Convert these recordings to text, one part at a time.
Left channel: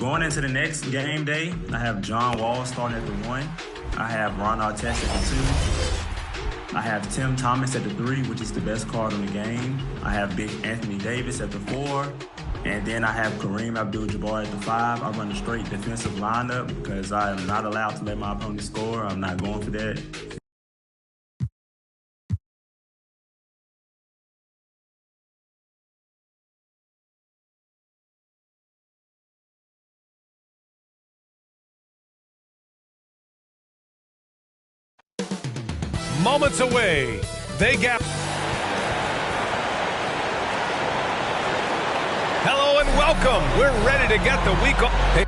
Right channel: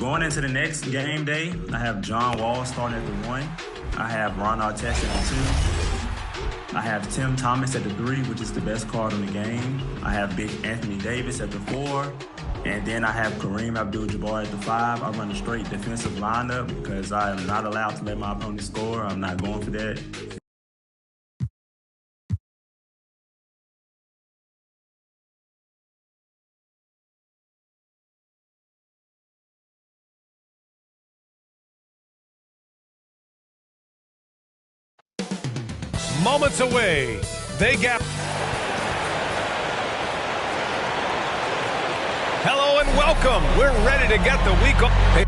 Going into the next game day, I have John Wall starting at the 1. I have Ron Artest at the 2. I have Tim Thomas at the 3, which is the best card in the game. I have Big Anthony Davis at the 4. And then I have Kareem Abdul-Jabbar at the 5. I run a straight defensive lineup because I am not allowed to let my opponent score. I'm not going for that. Moments away. They gap. Hello and welcome. We're ready to get the week off. Hey.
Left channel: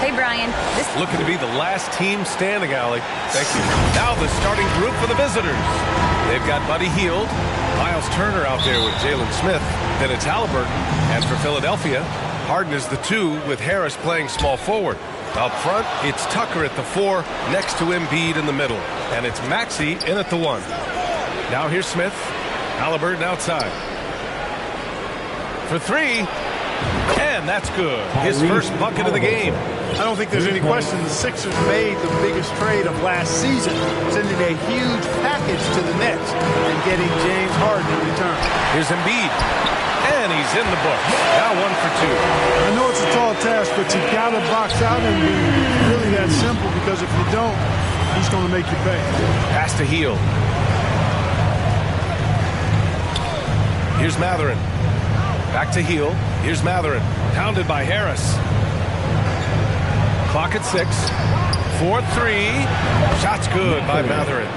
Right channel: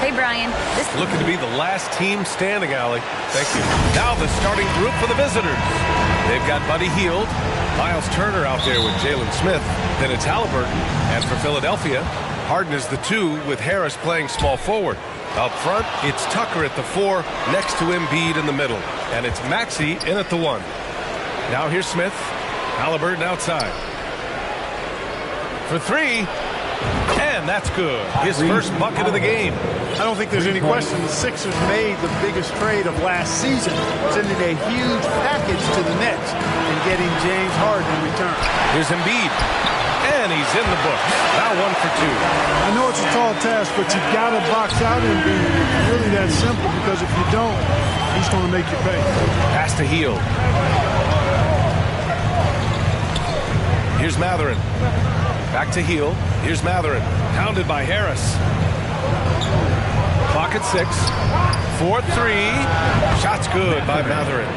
Hey, Brian. Looking to be the last team standing, Allie. Thank you. Now the starting group for the visitors. They've got Buddy Hield, Miles Turner out there with Jalen Smith. Then it's Halliburton. And for Philadelphia, Harden is the 2 with Harris playing small forward. Up front, it's Tucker at the 4 next to Embiid in the middle. And it's Maxey in at the 1. Now here's Smith. Halliburton outside. For 3. And that's good. His first bucket of the game. I don't think there's any question the Sixers made the biggest trade of last season, sending a huge package to the Nets and getting James Harden in return. Here's Embiid. And he's in the books. Now 1 for 2. I know it's a tall task, but you got to box out Embiid. It's really that simple, because if you don't, he's going to make you pay. Pass to Hield. Here's Matherin. Back to Hield. Here's Matherin. Pounded by Harris. Clock at 6. 4-3. Shot's good by Matherin.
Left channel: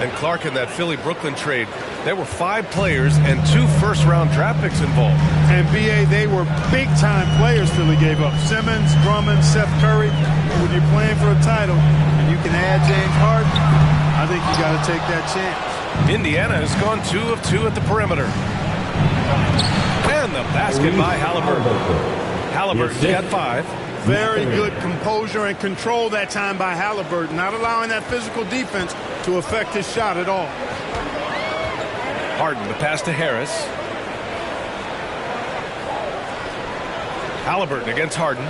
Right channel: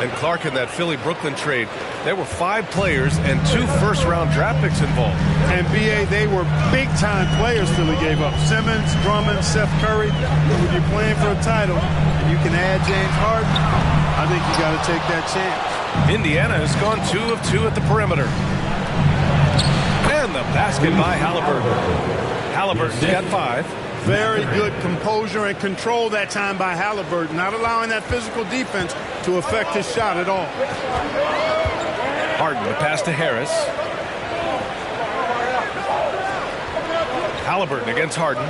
And Clark in that Philly-Brooklyn trade. There were 5 players and 2 first-round draft picks involved. And, B.A., they were big-time players Philly gave up. Simmons, Drummond, Seth Curry. When you're playing for a title and you can add James Harden, I think you got to take that chance. Indiana has gone 2 of 2 at the perimeter. And the basket by Halliburton. Halliburton's got 5. Very good composure and control that time by Halliburton, not allowing that physical defense to affect his shot at all. Harden, the pass to Harris. Halliburton against Harden.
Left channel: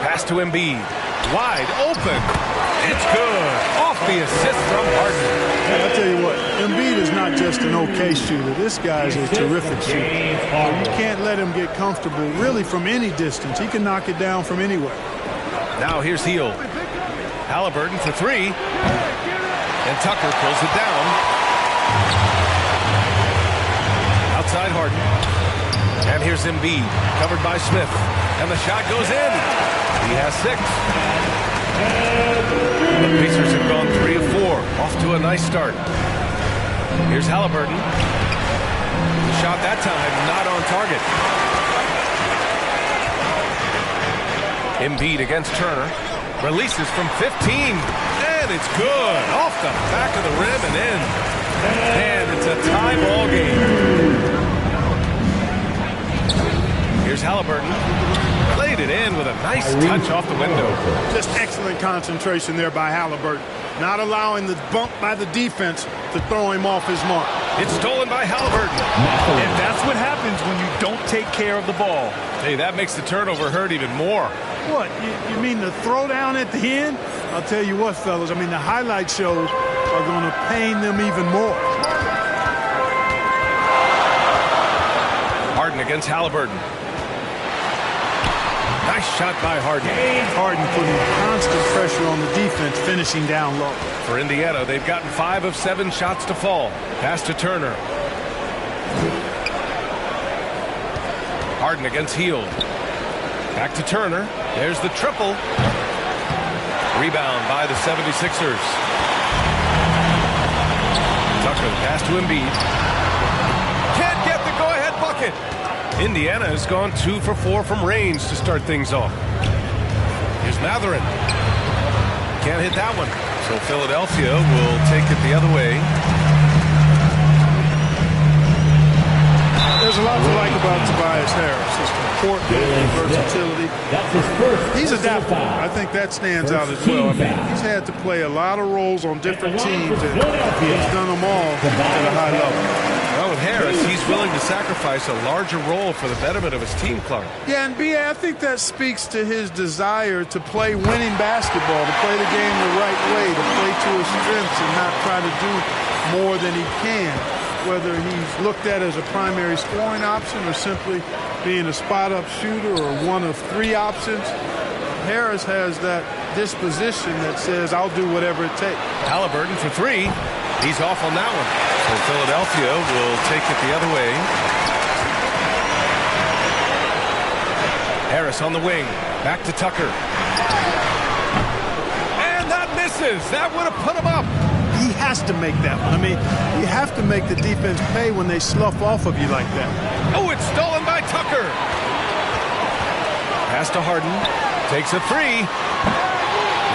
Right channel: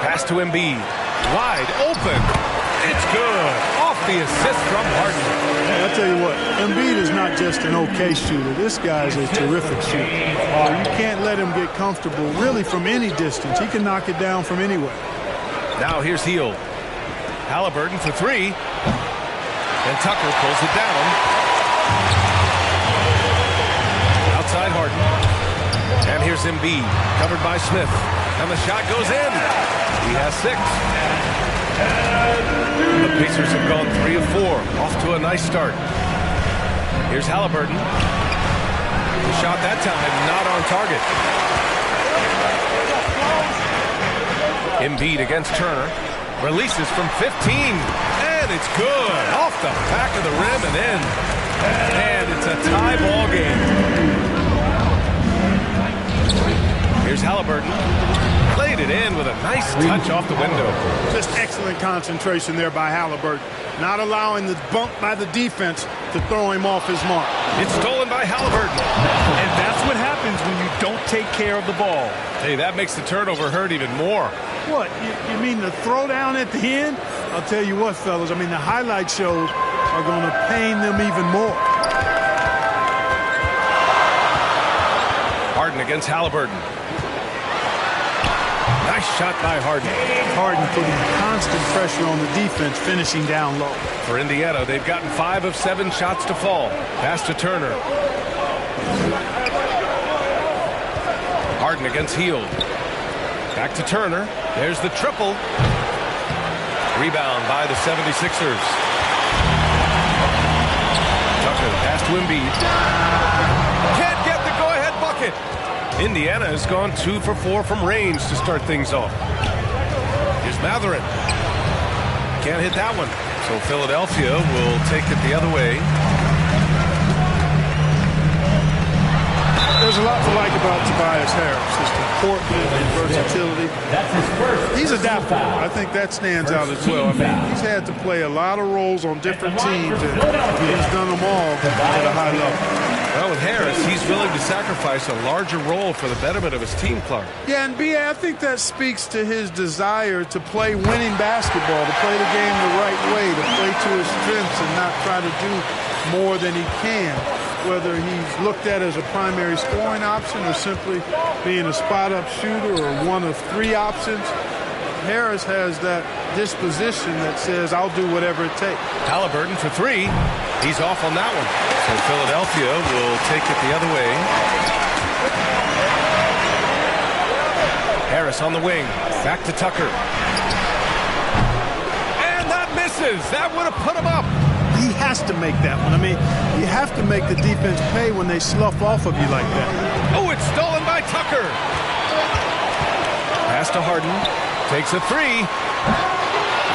Pass to Embiid. Wide open. It's good. Off the assist from Harden. Hey, I'll tell you what, Embiid is not just an okay shooter. This guy's a terrific shooter. You can't let him get comfortable really from any distance. He can knock it down from anywhere. Now here's Hield. Halliburton for 3. And Tucker pulls it down. Outside Harden. And here's Embiid, covered by Smith. And the shot goes in. He has 6. The Pacers have gone 3 of 4. Off to a nice start. Here's Halliburton. The shot that time not on target. Embiid against Turner. Releases from 15. And it's good. Off the back of the rim and in. And it's a tie ball game. Here's Halliburton. Played it in with a nice touch off the window. Just excellent concentration there by Halliburton. Not allowing the bump by the defense to throw him off his mark. It's stolen by Halliburton. And that's what happens when you don't take care of the ball. Hey, that makes the turnover hurt even more. What, you mean the throwdown at the end? I'll tell you what, fellas, I mean the highlight shows are going to pain them even more. Harden against Halliburton. Nice shot by Harden. Harden putting constant pressure on the defense, finishing down low. For Indiana, they've gotten 5 of 7 shots to fall. Pass to Turner. Harden against Hield. Back to Turner. There's the triple. Rebound by the 76ers. Tucker, the pass to Embiid. Can't get the go-ahead bucket. Indiana has gone 2 for 4 from range to start things off. Here's Matherin. Can't hit that one. So Philadelphia will take it the other way. There's a lot to like about Tobias Harris, his comportment and versatility. He's adaptable. I think that stands out as well. I mean, he's had to play a lot of roles on different teams, and he's done them all at a high level. Well, with Harris, he's willing to sacrifice a larger role for the betterment of his team, Clark. Yeah, and B.A., I think that speaks to his desire to play winning basketball, to play the game the right way, to play to his strengths and not try to do more than he can. Whether he's looked at as a primary scoring option or simply being a spot-up shooter or one of 3 options, Harris has that disposition that says, I'll do whatever it takes. Halliburton for 3. He's off on that one. So Philadelphia will take it the other way. Harris on the wing. Back to Tucker. And that misses. That would have put him up. He has to make that one. I mean, you have to make the defense pay when they slough off of you like that. Oh, it's stolen by Tucker. Pass to Harden. Takes a 3.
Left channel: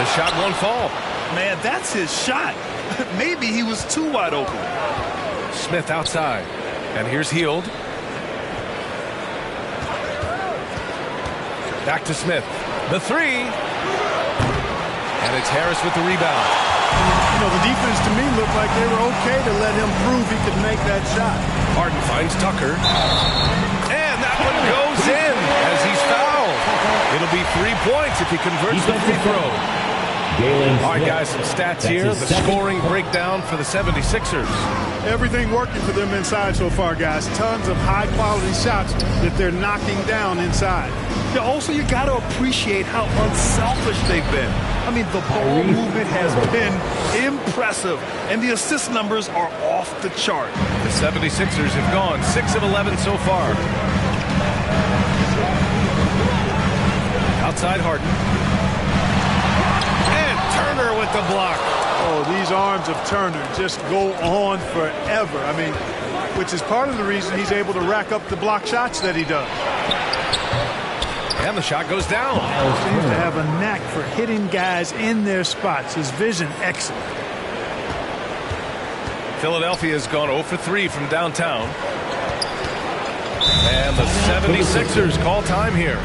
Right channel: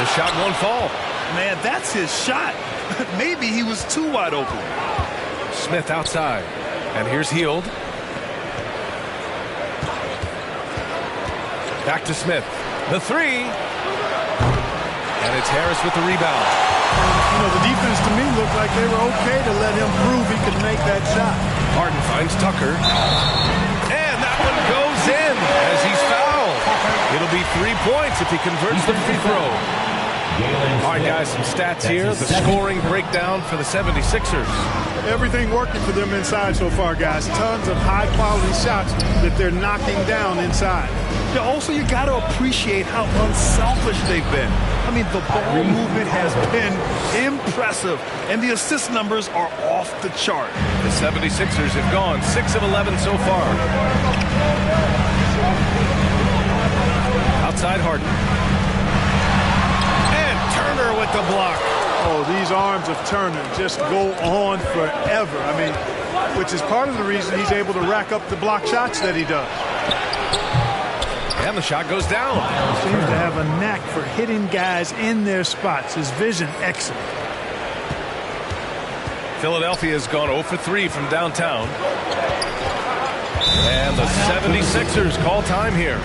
The shot won't fall. Man, that's his shot. Maybe he was too wide open. Smith outside. And here's Hield. Back to Smith. The 3. And it's Harris with the rebound. You know, the defense to me looked like they were okay to let him prove he could make that shot. Harden finds Tucker. And that one goes in as he's fouled. It'll be 3 points if he converts the free throw. All right, guys, some stats here. The scoring breakdown for the 76ers. Everything working for them inside so far, guys. Tons of high-quality shots that they're knocking down inside. Yeah, also, you got to appreciate how unselfish they've been. I mean, the ball movement has been impressive, and the assist numbers are off the chart. The 76ers have gone 6 of 11 so far. Outside Harden. And Turner with the block. Oh, these arms of Turner just go on forever. I mean, which is part of the reason he's able to rack up the block shots that he does. And the shot goes down. Seems to have a knack for hitting guys in their spots. His vision, excellent. Philadelphia has gone 0 for 3 from downtown. And the 76ers call time here.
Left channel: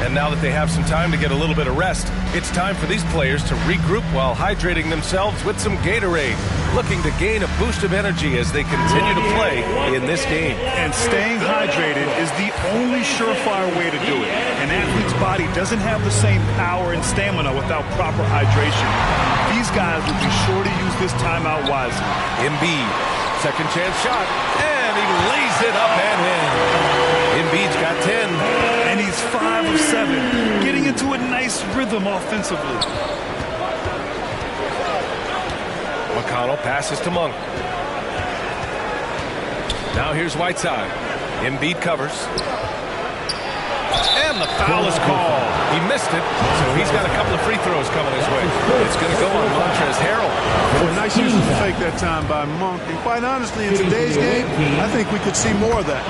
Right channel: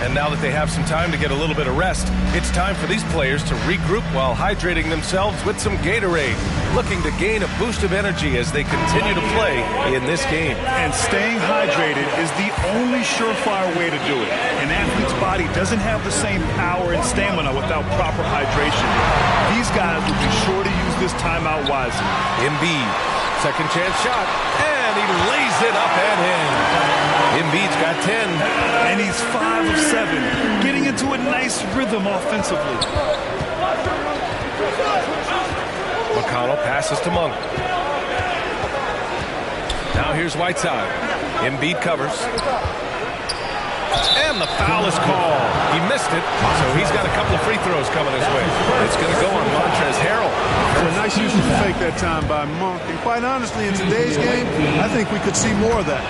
And now that they have some time to get a little bit of rest, it's time for these players to regroup while hydrating themselves with some Gatorade, looking to gain a boost of energy as they continue to play in this game. And staying hydrated is the only surefire way to do it. An athlete's body doesn't have the same power and stamina without proper hydration. These guys will be sure to use this timeout wisely. Embiid, second chance shot, and he lays it up and in. Embiid's got 10. And he's 5 of 7, getting into a nice rhythm offensively. McConnell passes to Monk. Now here's Whiteside. Embiid covers. And the foul is called. He missed it, so he's got a couple of free throws coming his way. It's going to go on Montrezl Harrell. Well, nice use of the fake that time by Monk. And quite honestly, in today's game, I think we could see more of that.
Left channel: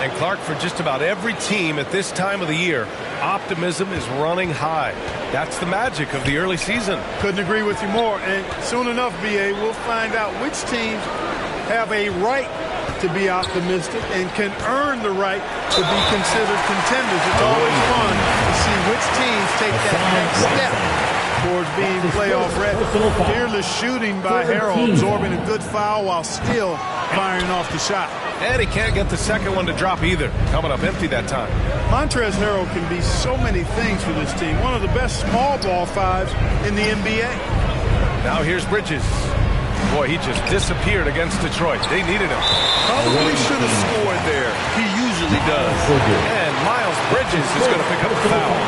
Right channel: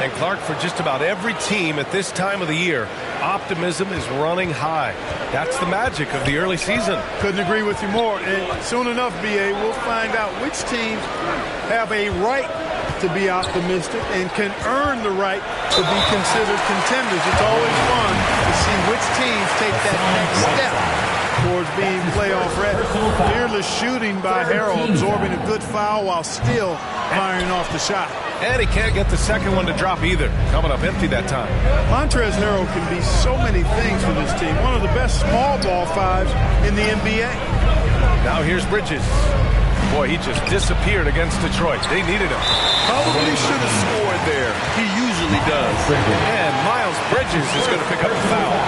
And Clark, for just about every team at this time of the year, optimism is running high. That's the magic of the early season. Couldn't agree with you more. And soon enough, B.A., we'll find out which teams have a right to be optimistic and can earn the right to be considered contenders. It's always fun to see which teams take that next step towards being playoff ready. Fearless shooting by Harrell, absorbing a good foul while still firing off the shot. And he can't get the second one to drop either. Coming up empty that time. Montrezl Harrell can be so many things for this team. One of the best small ball fives in the NBA. Now here's Bridges. Boy, he just disappeared against Detroit. They needed him. Probably should have scored there. He usually does. And Miles Bridges is going to pick up the foul.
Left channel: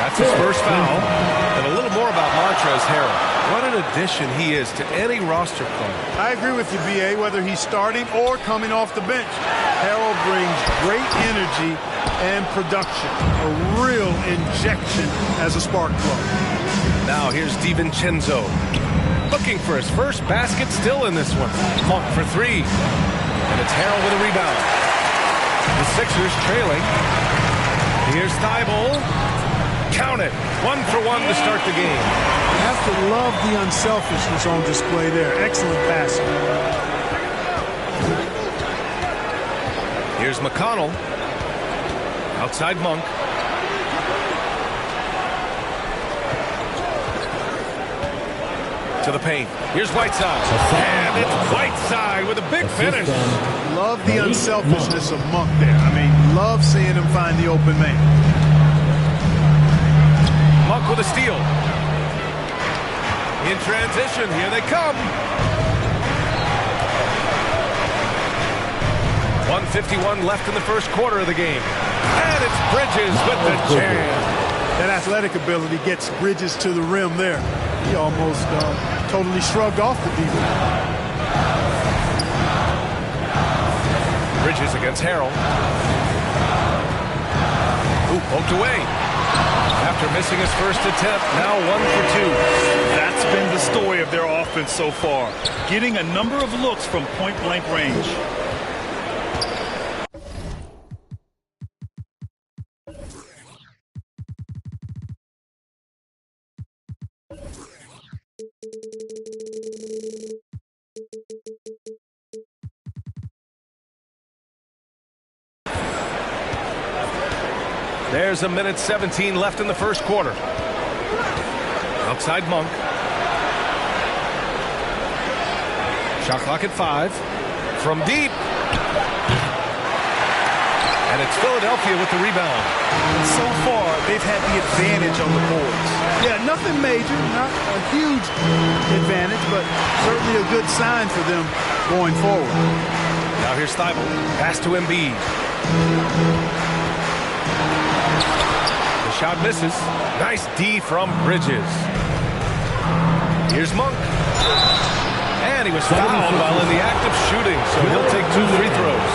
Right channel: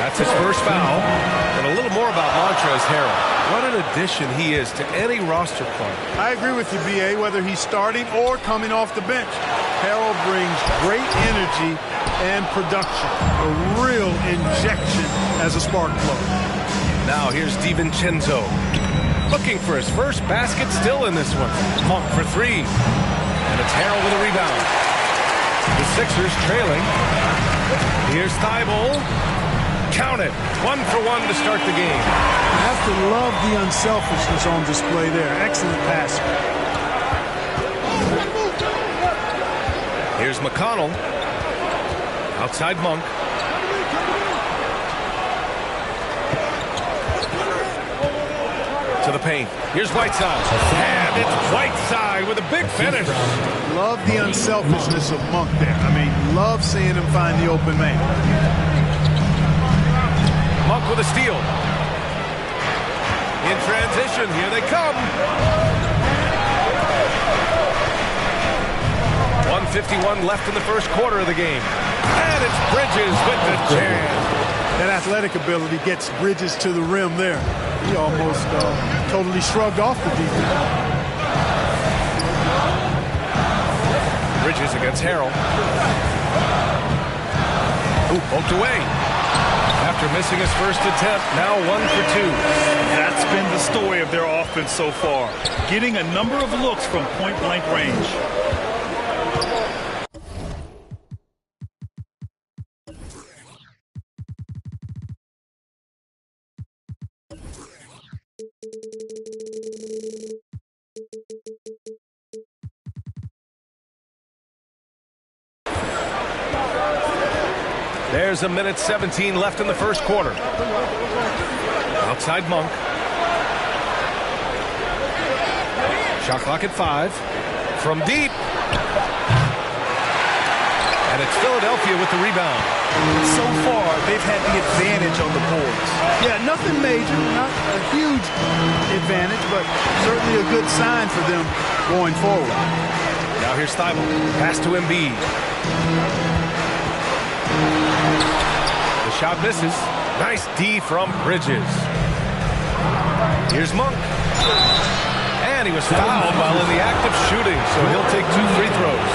That's his first foul. And a little more about Montrezl Harrell. What an addition he is to any roster player. I agree with you, B.A., whether he's starting or coming off the bench. Harrell brings great energy and production, a real injection as a spark plug. Now here's DiVincenzo, looking for his first basket still in this one. Monk for three, and it's Harrell with a rebound. The Sixers trailing. Here's Thibault. Count it. 1 for 1 to start the game. You have to love the unselfishness on display there. Excellent passing. Here's McConnell. Outside Monk. To the paint. Here's Whiteside. And it's Whiteside with a big finish. Love the unselfishness of Monk there. I mean, love seeing him find the open man. Monk with a steal. In transition, here they come. 1:51 left in the first quarter of the game. And it's Bridges with the jam. That athletic ability gets Bridges to the rim there. He almost totally shrugged off the defense. Bridges against Harrell. Ooh, poked away. After missing his first attempt, now 1 for 2. That's been the story of their offense so far, getting a number of looks from point-blank range. There's 1:17 left in the first quarter. Outside Monk. Shot clock at 5. From deep. And it's Philadelphia with the rebound. So far, they've had the advantage on the boards. Yeah, nothing major, not a huge advantage, but certainly a good sign for them going forward. Now here's Thibault. Pass to Embiid. The shot misses. Nice D from Bridges. Here's Monk. And he was fouled while in the act of shooting, so he'll take 2 free throws.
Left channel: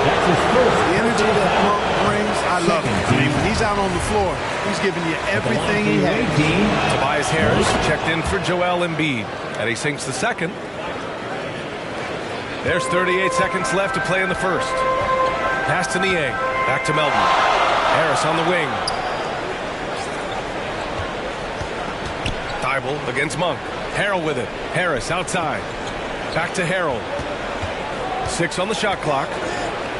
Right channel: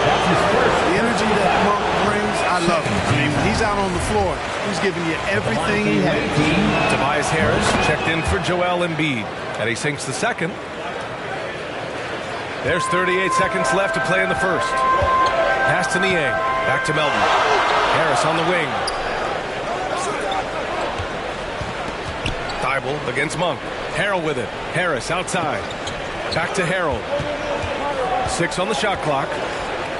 The energy that Monk brings, I love it. I mean, when he's out on the floor, he's giving you everything he has. Tobias Harris checked in for Joel Embiid, and he sinks the second. There's 38 seconds left to play in the first. Pass to Niang. Back to Melton. Harris on the wing. Thibault against Monk. Harrell with it. Harris outside. Back to Harrell. 6 on the shot clock.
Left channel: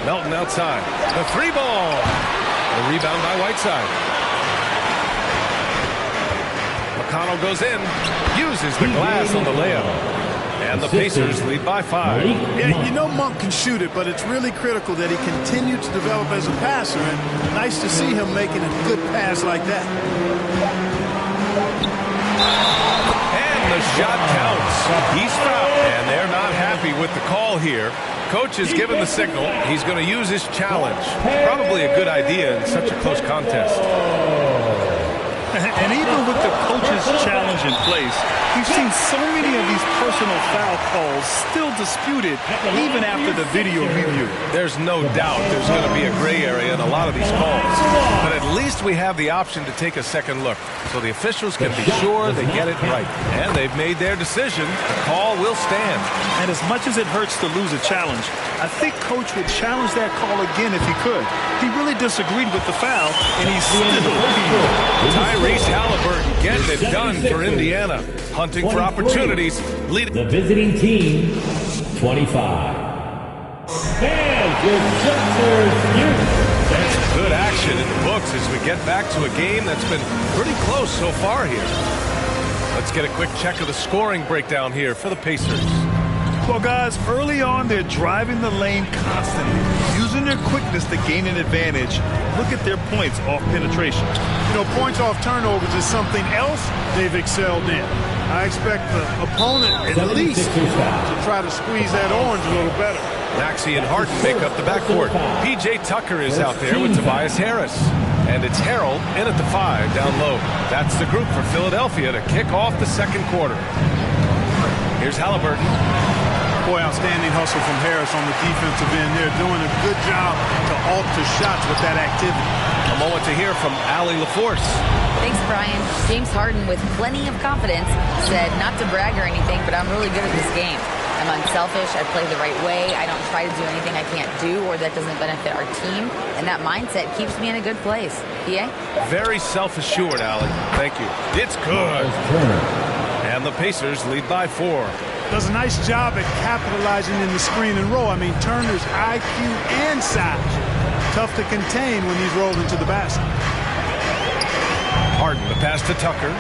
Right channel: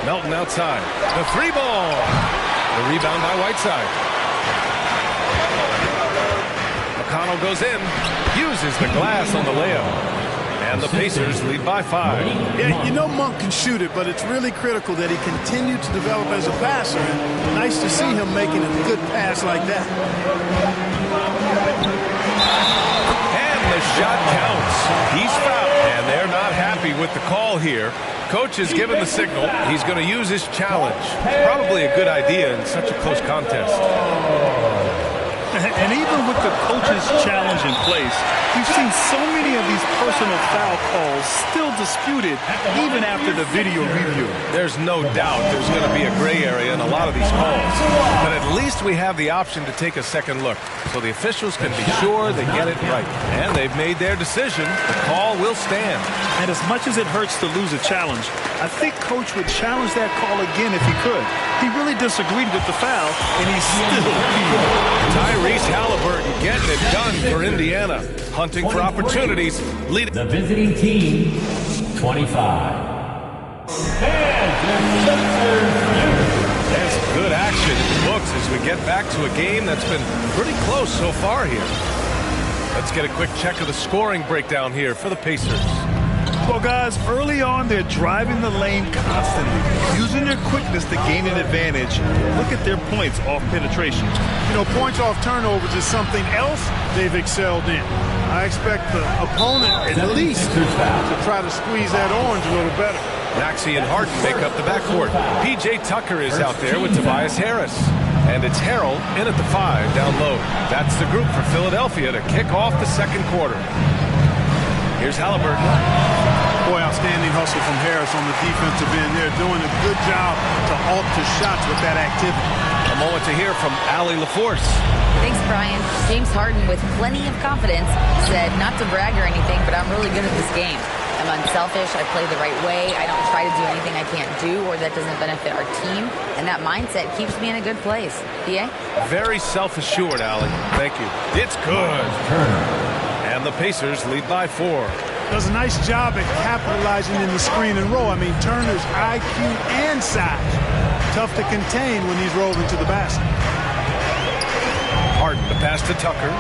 Melton outside. The 3-ball. The rebound by Whiteside. McConnell goes in. Uses the glass on the layup. And the Pacers lead by 5. Yeah, you know Monk can shoot it, but it's really critical that he continue to develop as a passer. And nice to see him making a good pass like that. And the shot counts. He's fouled. And they're not happy with the call here. Coach has given the signal. He's going to use his challenge. Probably a good idea in such a close contest. And even with the coach's challenge in place, we've seen so many of these personal foul calls still disputed even after the video review. There's no doubt there's going to be a gray area in a lot of these calls. But at least we have the option to take a second look, so the officials can be sure they get it right. And they've made their decision. The call will stand. And as much as it hurts to lose a challenge, I think Coach would challenge that call again if he could. He really disagreed with the foul, and he's still appealed. Tyrese Halliburton getting it done for Indiana. Hunting for opportunities. Leading the visiting team, 25. And your Sixers. There's good action in the books as we get back to a game that's been pretty close so far here. Let's get a quick check of the scoring breakdown here for the Pacers. Well, guys, early on, they're driving the lane constantly, using their quickness to gain an advantage. Look at their points off penetration. You know, points off turnovers is something else they've excelled in. I expect the opponent at least to try to squeeze that orange a little better. Maxey and Harden make up the backcourt. P.J. Tucker is out there with Tobias Harris. And it's Harrell in at the 5 down low. That's the group for Philadelphia to kick off the second quarter. Here's Halliburton. Boy, outstanding hustle from Harris on the defensive end. They're doing a good job to alter shots with that activity. A moment to hear from Allie LaForce. Thanks, Brian. James Harden, with plenty of confidence, said not to brag or anything, but I'm really good at this game. I'm unselfish. I play the right way. I don't try to do anything I can't do or that doesn't benefit our team. And that mindset keeps me in a good place. PA? Very self-assured, Allie. Thank you. It's good. And the Pacers lead by 4. Does a nice job at capitalizing in the screen and roll. I mean, Turner's IQ and size. Tough to contain when he's rolling to the basket. Harden, the pass to Tucker.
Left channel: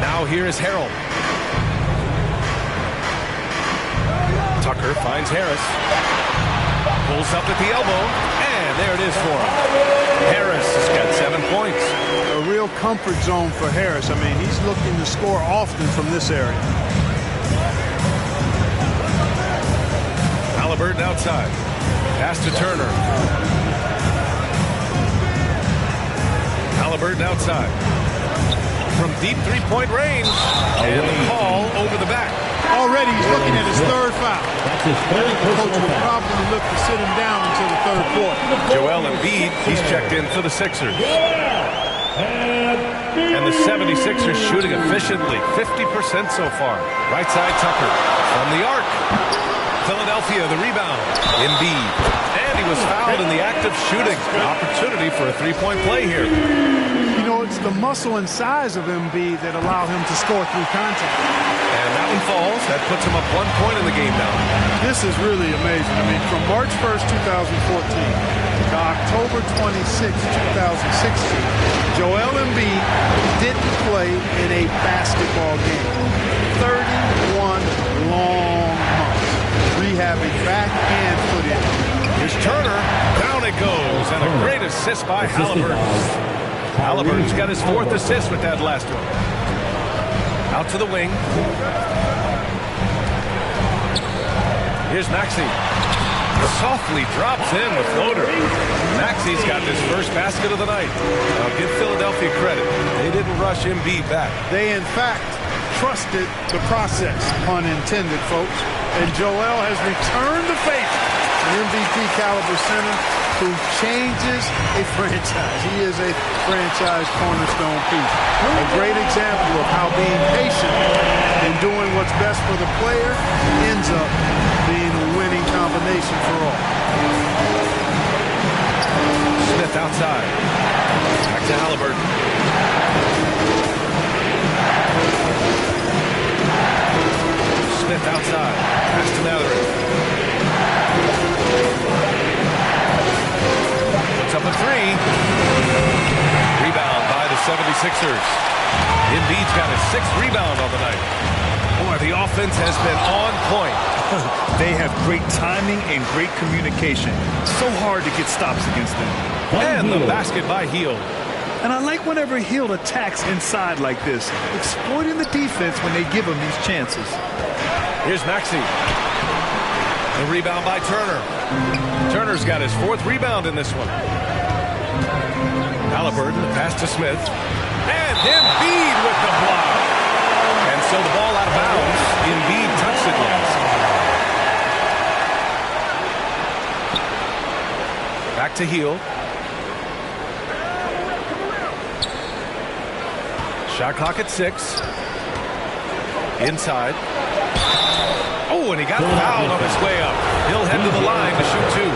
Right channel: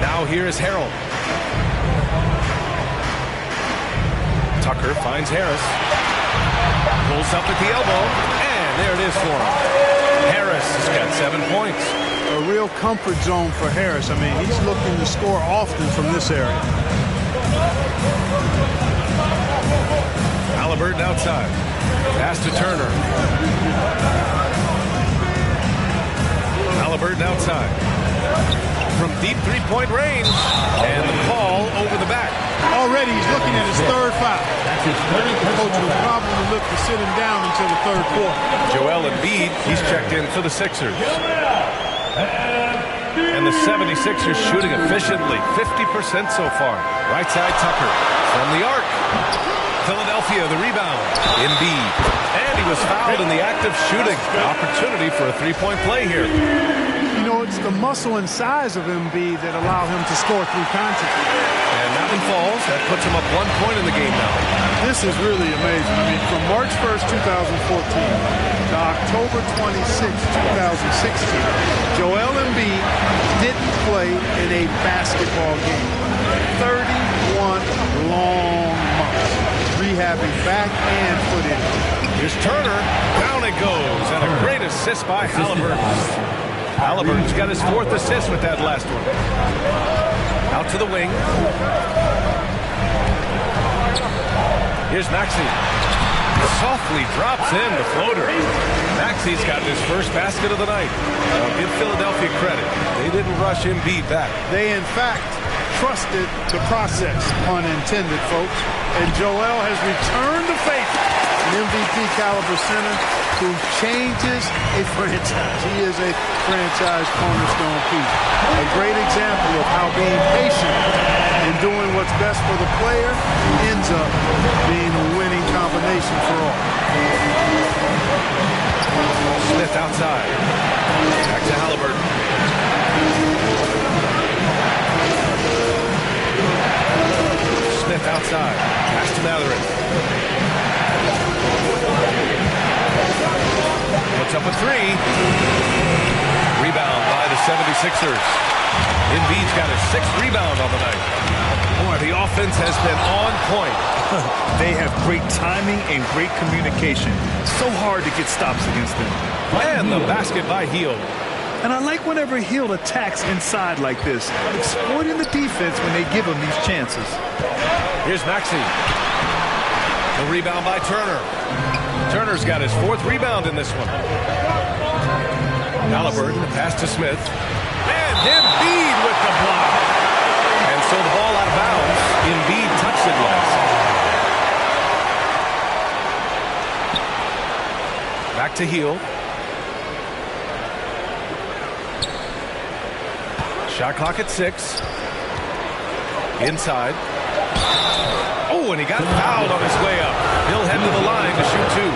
Now here is Harold. Tucker finds Harris. Pulls up at the elbow. And there it is for him. Harris has got 7 points. A real comfort zone for Harris. I mean, he's looking to score often from this area. Halliburton outside. Pass to Turner. Halliburton outside. From deep three-point range. And the call over the back. Already he's looking at his third foul. That's his third The coach will probably look to sit him down until the third quarter. Joel Embiid, he's checked in for the Sixers. And the 76ers shooting efficiently, 50% so far. Right side Tucker from the arc. Philadelphia, the rebound. Embiid. And he was fouled in the act of shooting. Opportunity for a three-point play here. You know, it's the muscle and size of Embiid that allow him to score through contact. And that one falls. That puts him up 1 point in the game now. This is really amazing. I mean, from March 1st, 2014 to October 26, 2016, Joel Embiid didn't play in a basketball game. 31 long months, rehabbing back and foot injury. Here's Turner. Down it goes. And a great assist by Halliburton. Halliburton's got his 4th assist with that last one. Out to the wing. Here's Maxey. Softly drops in the floater. Maxey's got his first basket of the night. I'll give Philadelphia credit. They didn't rush Embiid back. They, in fact, trusted the process, pun intended, folks. And Joel has returned the favor. An MVP caliber center who changes a franchise. He is a franchise cornerstone piece. A great example of how being patient and doing what's best for the player ends up being a winning combination for all. Smith outside. Back to Halliburton. Smith outside. Pass to Matherin. Puts up a 3. Rebound by the 76ers. Embiid's got his 6th rebound on the night. Boy, the offense has been on point. They have great timing and great communication. So hard to get stops against them. And the basket by Hield. And I like whenever Hield attacks inside like this, exploiting the defense when they give him these chances. Here's Maxey. The rebound by Turner. Turner's got his 4th rebound in this one. Halliburton, the pass to Smith. And Embiid with the block. And so the ball out of bounds. Embiid touched it last. Back to Hield. Shot clock at 6. Inside. Oh, and he got fouled on his way up. He'll head to the line to shoot 2.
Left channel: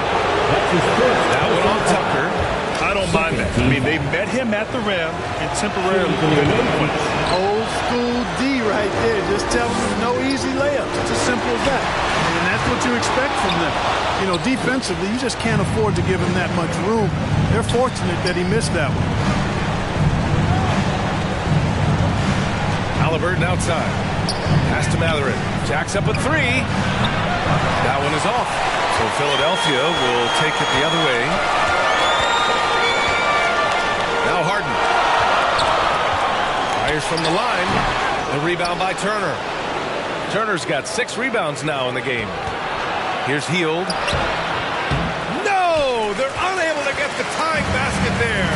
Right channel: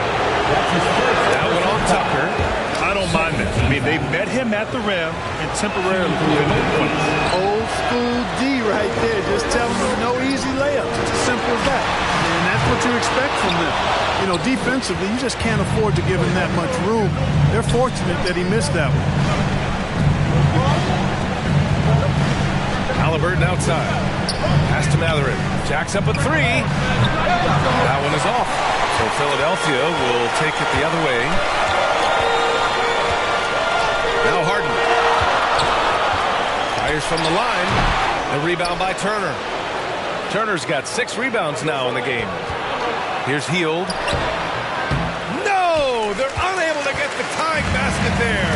That one on Tucker. I don't mind that. I mean, they met him at the rim and temporarily prevented the points. Old school D right there. Just telling them no easy layups. It's as simple as that. And that's what you expect from them. You know, defensively, you just can't afford to give him that much room. They're fortunate that he missed that one. Halliburton outside. Pass to Matherin. Jacks up a 3. That one is off. So Philadelphia will take it the other way. Now Harden. Fires from the line. The rebound by Turner. Turner's got 6 rebounds now in the game. Here's Hield. No! They're unable to get the tying basket there.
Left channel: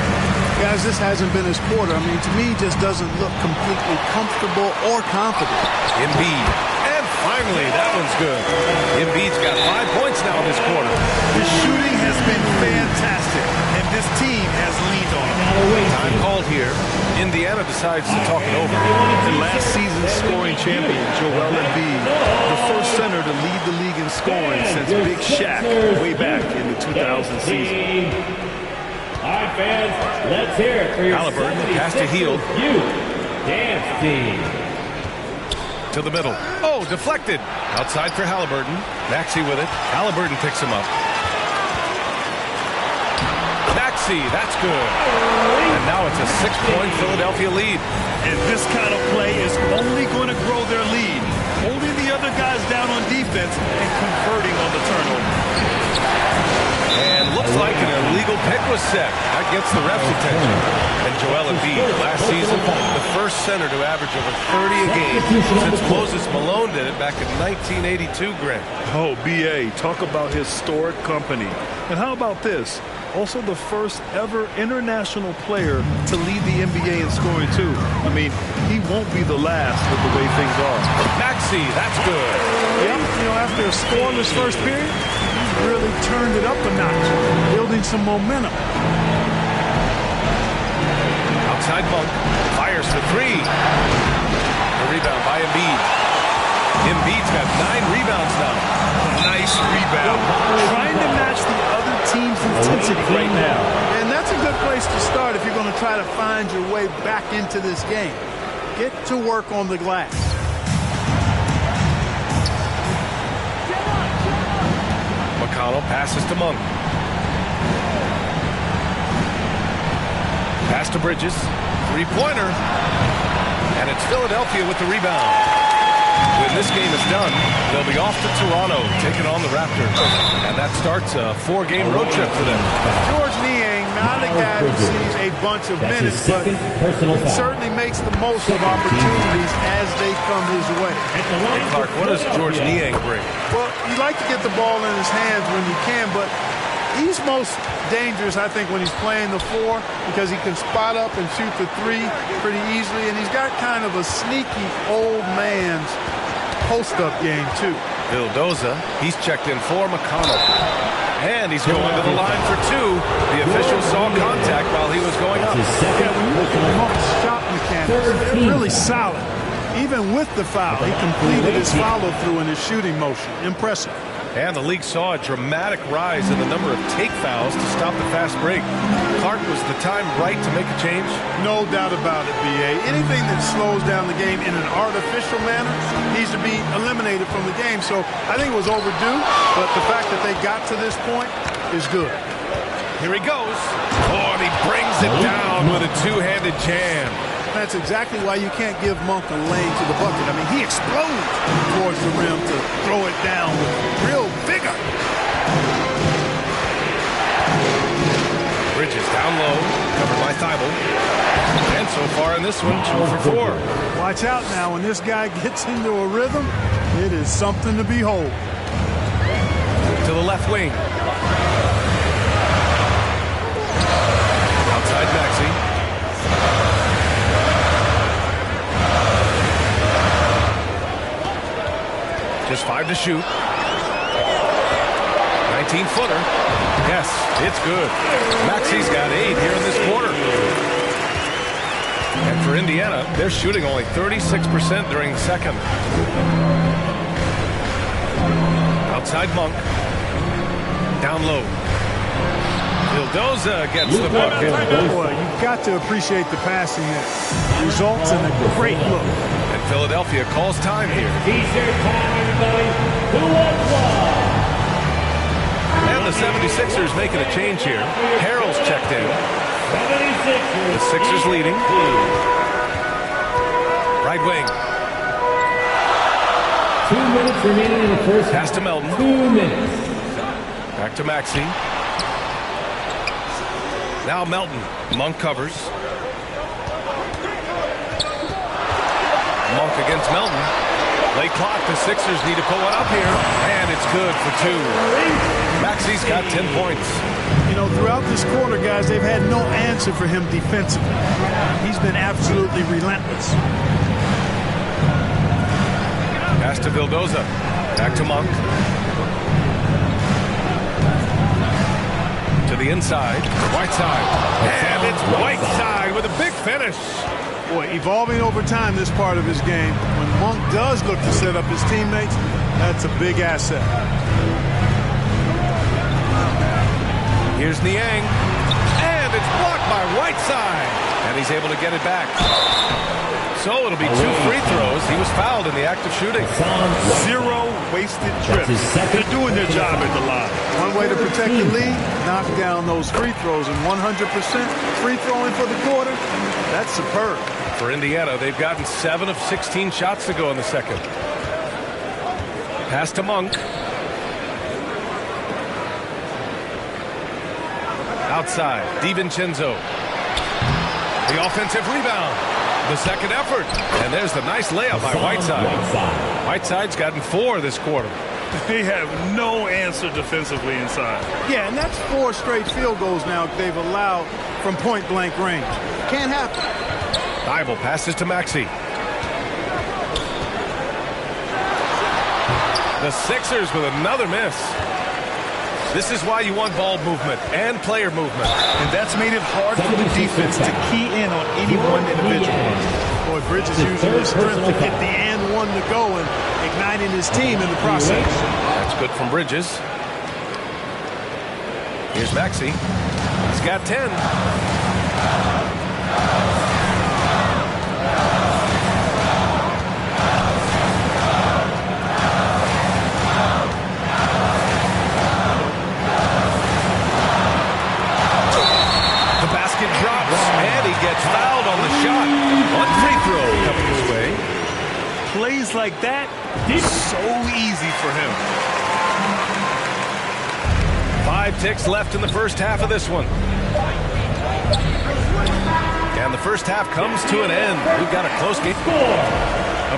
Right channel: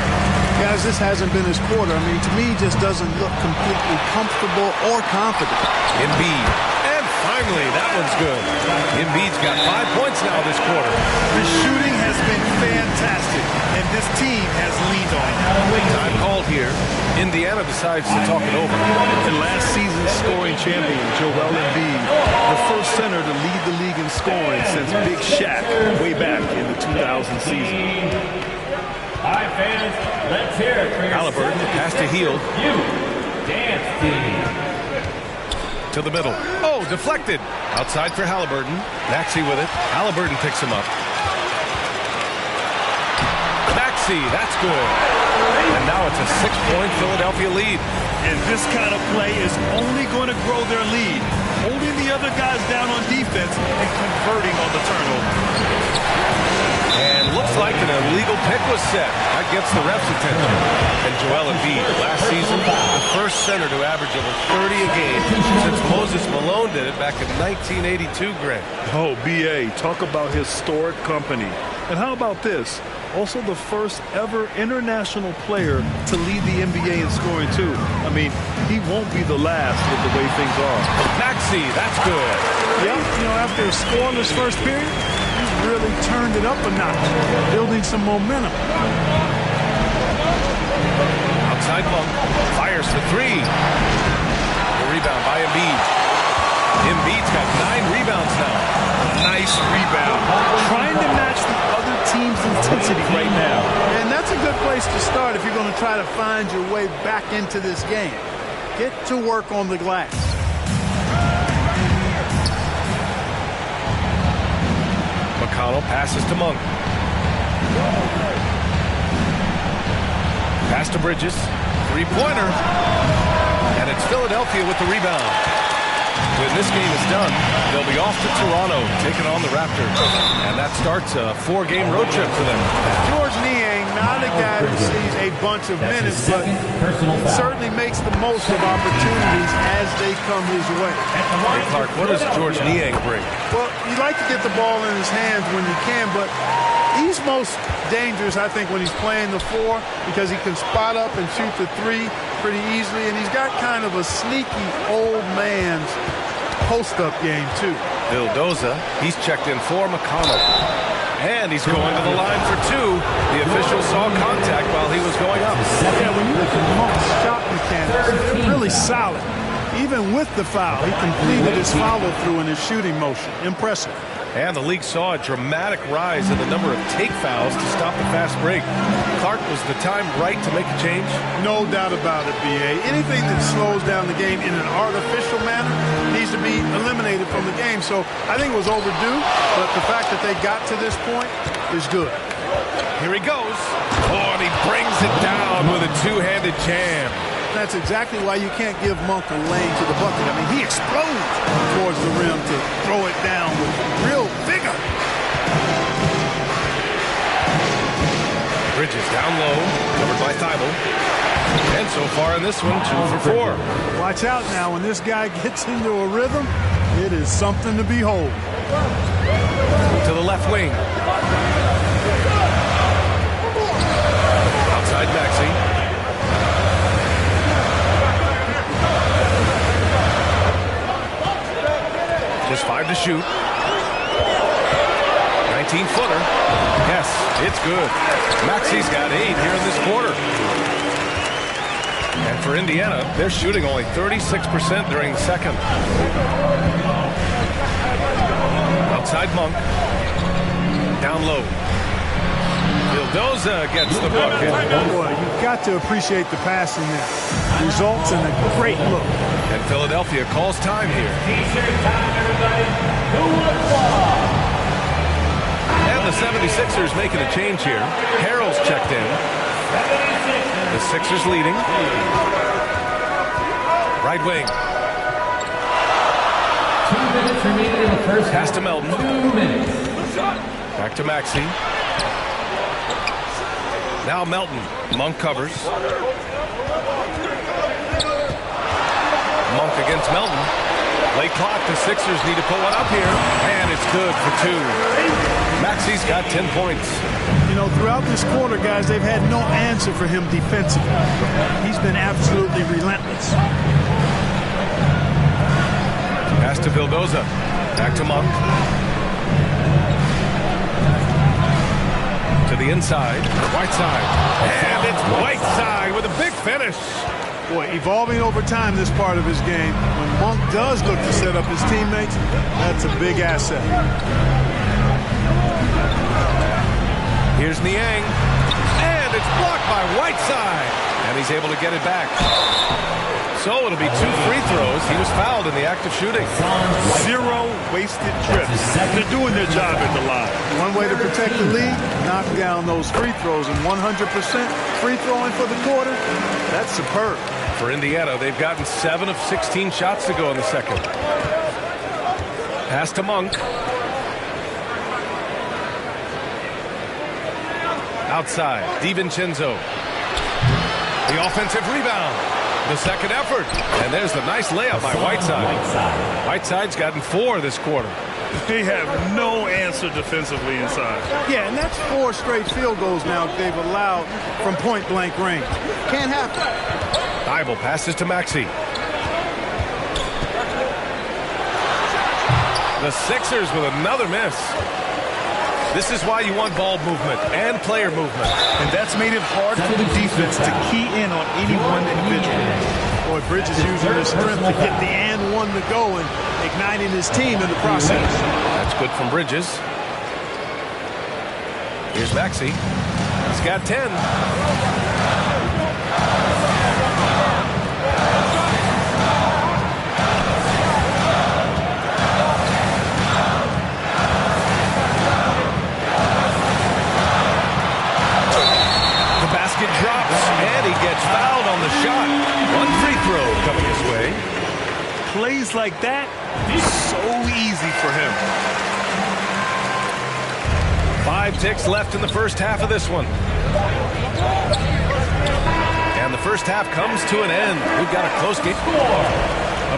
Guys, this hasn't been his quarter. I mean, to me, he just doesn't look completely comfortable or confident. Embiid. And Finally, that one's good. Embiid's got 5 points now this quarter. The shooting has been fantastic, and this team has leaned on it. Time called here. Indiana decides to talk it over. And last season's scoring champion, Joel Embiid, the first center to lead the league in scoring since Big Shaq way back in the 2000 season. All right, fans, let's hear it for your Halliburton, pass to Hield. Dance team. To the middle. Oh, deflected. Outside for Halliburton. Maxey with it. Halliburton picks him up. Maxey, that's good. And now it's a 6-point Philadelphia lead. And this kind of play is only going to grow their lead, holding the other guys down on defense and converting on the turnover. And looks like an illegal pick was set. That gets the ref's attention. And Joel Embiid, last season, the first center to average over 30 a game since Moses Malone did it back in 1982, Grant. Oh, B.A., talk about historic company. And how about this? Also the first ever international player to lead the NBA in scoring, too. I mean, he won't be the last with the way things are. Maxey, that's good. Yep, after a scoreless first period, he's really turned it up a notch, building some momentum. Outside Monk, fires for three. The rebound by Embiid. Embiid's got 9 rebounds now. Nice rebound. Trying to match the other team's intensity right now. And that's a good place to start if you're going to try to find your way back into this game. Get to work on the glass. McConnell passes to Monk. Pass to Bridges. Three-pointer. And it's Philadelphia with the rebound. When this game is done, they'll be off to Toronto, taking on the Raptors. And that starts a 4-game road trip for them. George Niang, not a guy who sees a bunch of minutes, but he certainly makes the most of opportunities as they come his way. Hey, Clark, what does George Niang bring? Well, you like to get the ball in his hands when you can, but he's most dangerous, I think, when he's playing the 4 because he can spot up and shoot the 3 pretty easily, and he's got kind of a sneaky old man's post-up game, too. Vildoza, he's checked in for McConnell. And he's going to the line for 2. The official saw contact while he was going up. Yeah, when you look at Monk's shot mechanics, they're really solid. Even with the foul, he completed his follow-through in his shooting motion. Impressive. And the league saw a dramatic rise in the number of take fouls to stop the fast break. Clark, was the time right to make a change? No doubt about it, B.A. Anything that slows down the game in an artificial manner needs to be eliminated from the game. So I think it was overdue, but the fact that they got to this point is good. Here he goes. Oh, and he brings it down with a two-handed jam. That's exactly why you can't give Monk a lane to the bucket. I mean, he explodes towards the rim to throw it down with real vigor. Bridges down low, covered by Thibault. And so far in this one, 2 for 4. Watch out now. When this guy gets into a rhythm, it is something to behold. To the left wing. Outside Maxey. Just 5 to shoot. 19-footer. Yes, it's good. Maxey's got 8 here in this quarter. And for Indiana, they're shooting only 36% during the second. Outside Monk. Down low. Vildoza gets the bucket. Boy, you've got to appreciate the passing there. Results in a great look. And Philadelphia calls time here. T-shirt time, everybody. Who wants one? And the 76ers making a change here. Harrell's checked in. 76ers. The Sixers leading. Right wing. 2 minutes remaining in the first. Pass to Melton. 2 minutes. Back to Maxey. Now Melton. Monk covers. Monk against Melton. Late clock. The Sixers need to put one up here. And it's good for 2. Maxey's got 10 points. You know, throughout this quarter, guys, they've had no answer for him defensively. He's been absolutely relentless. Pass to Vildoza. Back to Monk. To the inside. Whiteside. And it's Whiteside with a big finish. Boy, evolving over time, this part of his game. When Monk does look to set up his teammates, that's a big asset. Here's Niang. And it's blocked by Whiteside. And he's able to get it back. So it'll be 2 free throws. He was fouled in the act of shooting. 0 wasted trips. They're doing their job at the line. One way to protect the lead, knock down those free throws. And 100% free throwing for the quarter, that's superb. For Indiana, they've gotten 7 of 16 shots to go in the second. Pass to Monk. Outside, DiVincenzo. The offensive rebound. The second effort. And there's the nice layup by Whiteside. Whiteside's gotten 4 this quarter. They have no answer defensively inside. Yeah, and that's 4 straight field goals now they've allowed from point-blank range. Can't happen. Thibault passes to Maxey. The Sixers with another miss. This is why you want ball movement and player movement. And that's made it hard for the defense to key in on any one individual. Boy, Bridges using his strength to get the and one to go and igniting his team in the process. That's good from Bridges. Here's Maxey. He's got 10. Drops, and he gets fouled on the shot. 1 free throw coming his way. Plays like that, so easy for him. 5 ticks left in the first half of this one. And the first half comes to an end. We've got a close game.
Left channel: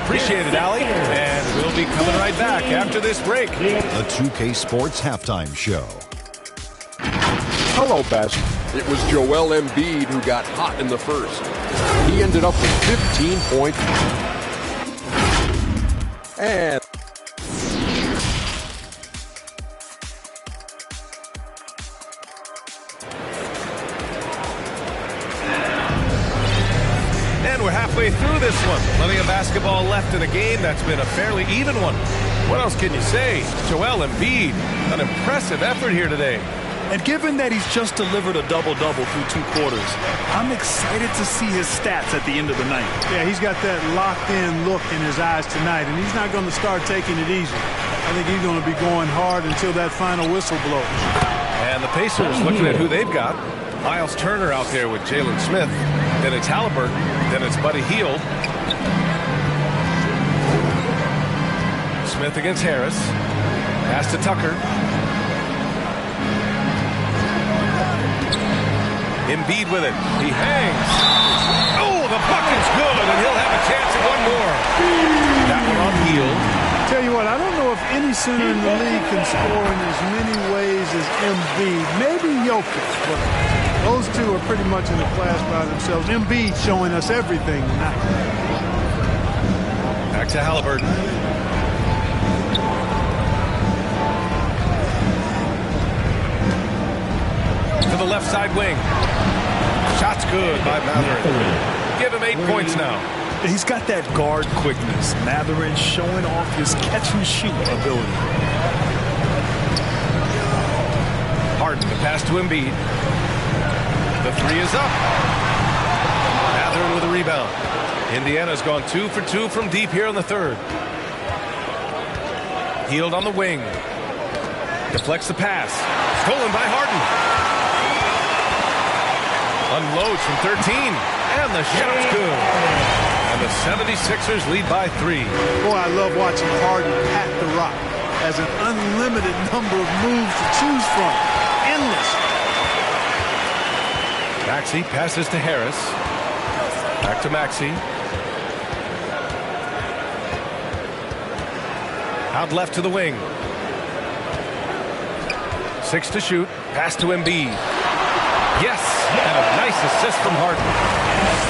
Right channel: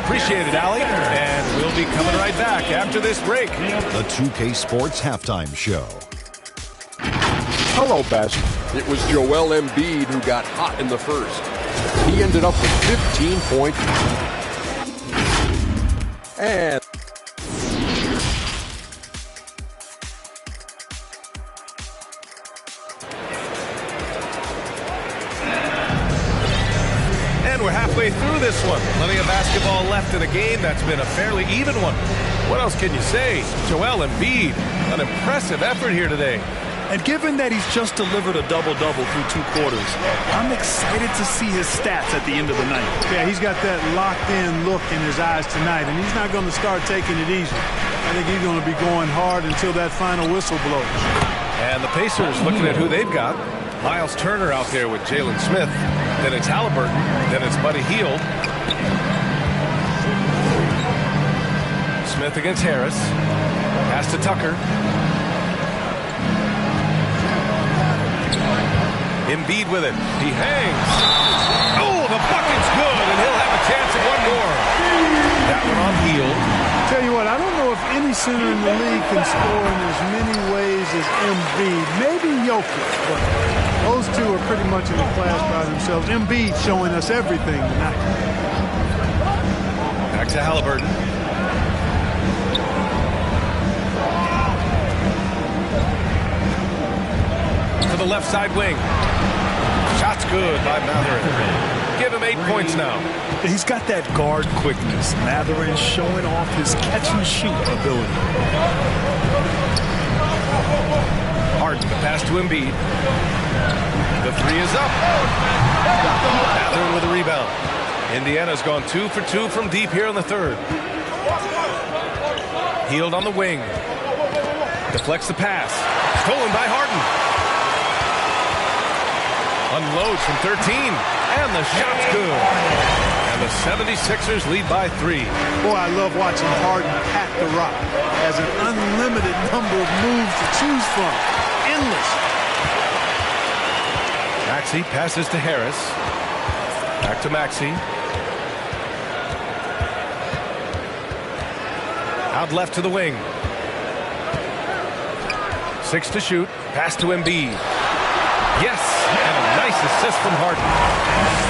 Appreciate it, Allie. And we'll be coming right back after this break. The 2K Sports Halftime Show. Hello, Best. It was Joel Embiid who got hot in the first. He ended up with 15 points. And we're halfway through this one. Plenty of basketball left in a game that's been a fairly even one. What else can you say? Joel Embiid, an impressive effort here today. And given that he's just delivered a double-double through 2 quarters, I'm excited to see his stats at the end of the night. Yeah, he's got that locked-in look in his eyes tonight, and he's not going to start taking it easy. I think he's going to be going hard until that final whistle blows. And the Pacers looking at who they've got. Miles Turner out there with Jalen Smith. Then it's Halliburton. Then it's Buddy Hield. Smith against Harris. Pass to Tucker. Embiid with it. He hangs. Oh, the bucket's good, and he'll have a chance at one more. That one on Hield. Tell you what, I don't know if any center in the league can score in as many ways as Embiid. Maybe Jokic, but those two are pretty much in a class by themselves. Embiid showing us everything tonight. Back to Halliburton. To the left side wing. Shot's good by Matherin. Give him 8 points now. He's got that guard quickness. Matherin showing off his catch-and-shoot ability. Harden, the pass to Embiid. The 3 is up. Matherin with a rebound. Indiana's gone 2 for 2 from deep here in the third. Hield on the wing. Deflects the pass. Stolen by Harden. Unloads from 13. And the shot's good. And the 76ers lead by 3. Boy, I love watching Harden pat the rock. Has an unlimited number of moves to choose from. Endless. Maxey passes to Harris. Back to Maxey. Out left to the wing. 6 to shoot. Pass to Embiid. Yes, and a nice assist from Harden.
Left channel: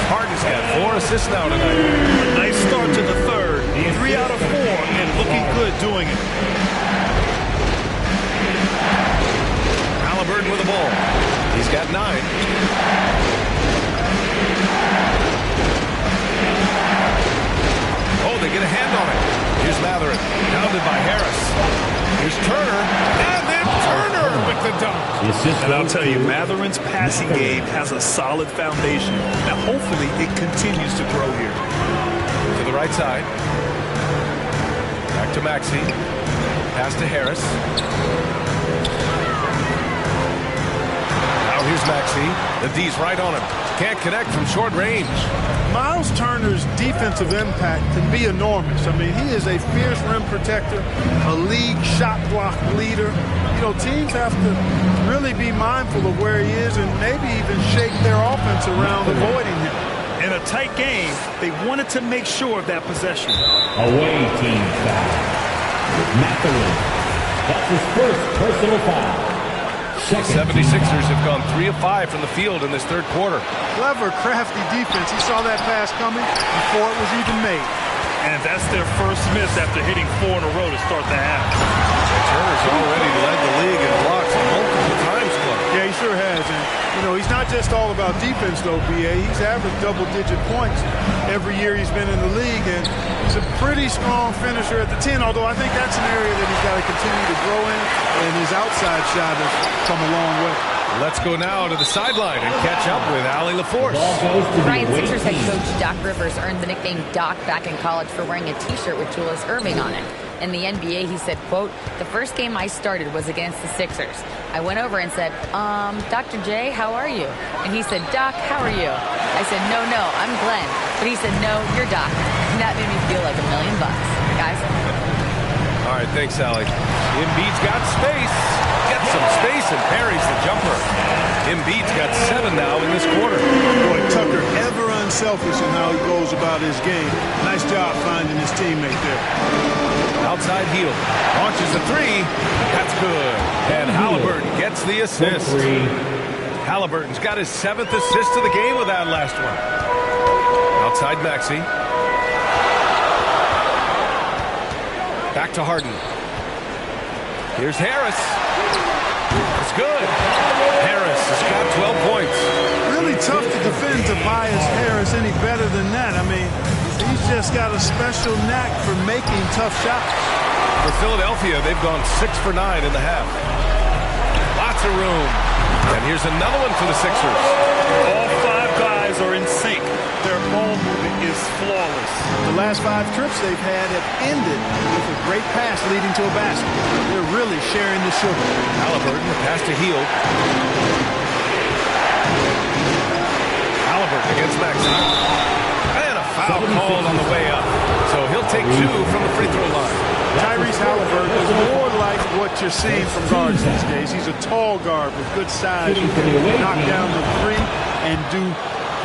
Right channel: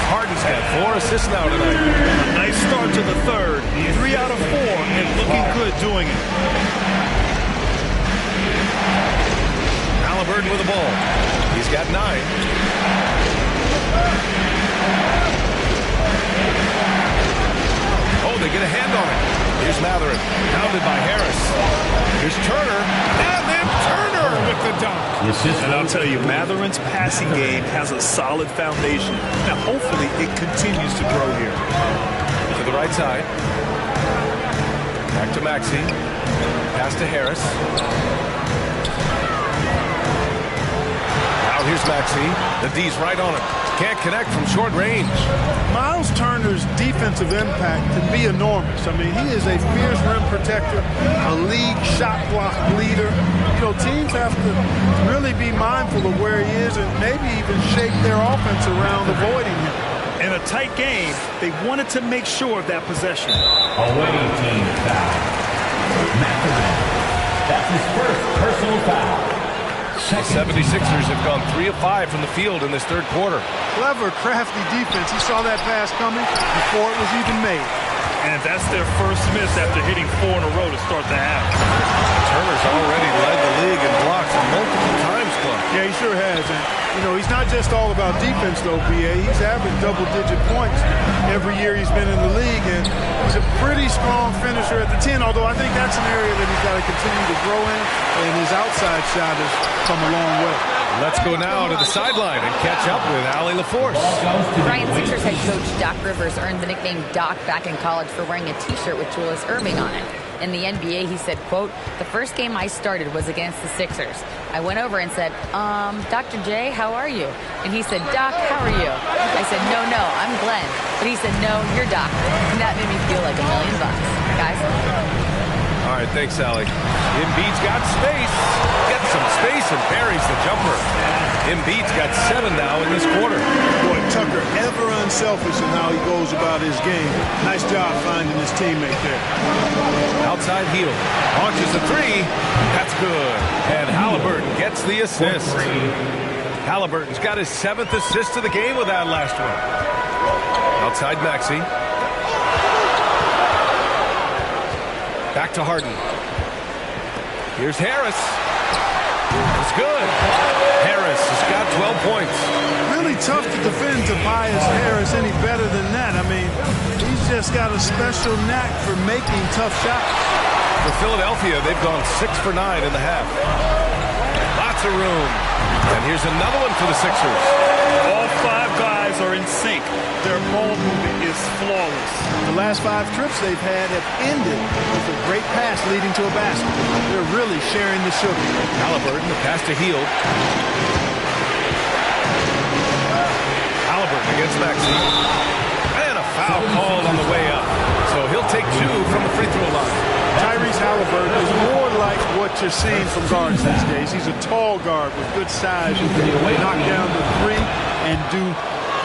Harden's got 4 assists now tonight. A nice start to the third. 3 out of 4, and looking good doing it. Halliburton with the ball. He's got 9. Oh, they get a hand on it. Here's Matherin, pounded by Harris. Here's Turner, and then Turner with the dunk. And I'll tell you, Matherin's passing game has a solid foundation. Now, hopefully, it continues to grow here. To the right side. Back to Maxey. Pass to Harris. Now here's Maxey. The D's right on him. Can't connect from short range. Miles Turner's defensive impact can be enormous. I mean, he is a fierce rim protector, a league shot block leader. You know, teams have to really be mindful of where he is and maybe even shape their offense around avoiding him. In a tight game, they wanted to make sure of that possession. Away team foul. Matherin. That's his first personal foul. The 76ers have gone 3 of 5 from the field in this third quarter. Clever, crafty defense. He saw that pass coming before it was even made. And that's their first miss after hitting 4 in a row to start the half. And Turner's already led the league in blocks multiple times, Clark. Yeah, he sure has. And, you know, he's not just all about defense, though, B.A. He's averaged double-digit points every year he's been in the league. And he's a pretty strong finisher at the 10, although I think that's an area that he's got to continue to grow in. And his outside shot has come a long way. Let's go now to the sideline and catch up with Allie LaForce. Ryan Sixers head coach Doc Rivers earned the nickname Doc back in college for wearing a T-shirt with Julius Erving on it. In the NBA, he said, quote, "The first game I started was against the Sixers. I went over and said, Dr. J, how are you?" And he said, "Doc, how are you?" I said, no, I'm Glenn." But he said, "No, you're Doc." And that made me feel like $1 million, guys. All right, thanks, Allie. Embiid's got space. Gets some space and parries the jumper. Embiid's got 7 now in this quarter. Boy, Tucker, ever unselfish in how he goes about his game. Nice job finding his teammate there. Outside heel. Launches a 3. That's good. And Halliburton gets the assist. Halliburton's got his 7th assist of the game with that last one. Outside Maxey. Back to Harden. Here's Harris. It's good. Harris has got 12 points. Really tough to defend Tobias Harris any better than that. I mean, he's just got a special knack for making tough shots. For Philadelphia, they've gone 6 for 9 in the half. Lots of room. And here's another one for the Sixers. All 5 guys are in sync. Their ball movement is flawless. The last 5 trips they've had have ended with a great pass leading to a basket. They're really sharing the sugar. Halliburton, the pass to Hield. Halliburton against Maxey. And a foul called on the way up. So he'll take 2 from the free throw line. Tyrese Halliburton is more like what you're seeing from guards these days. He's a tall guard with good size who can knock down the 3 and do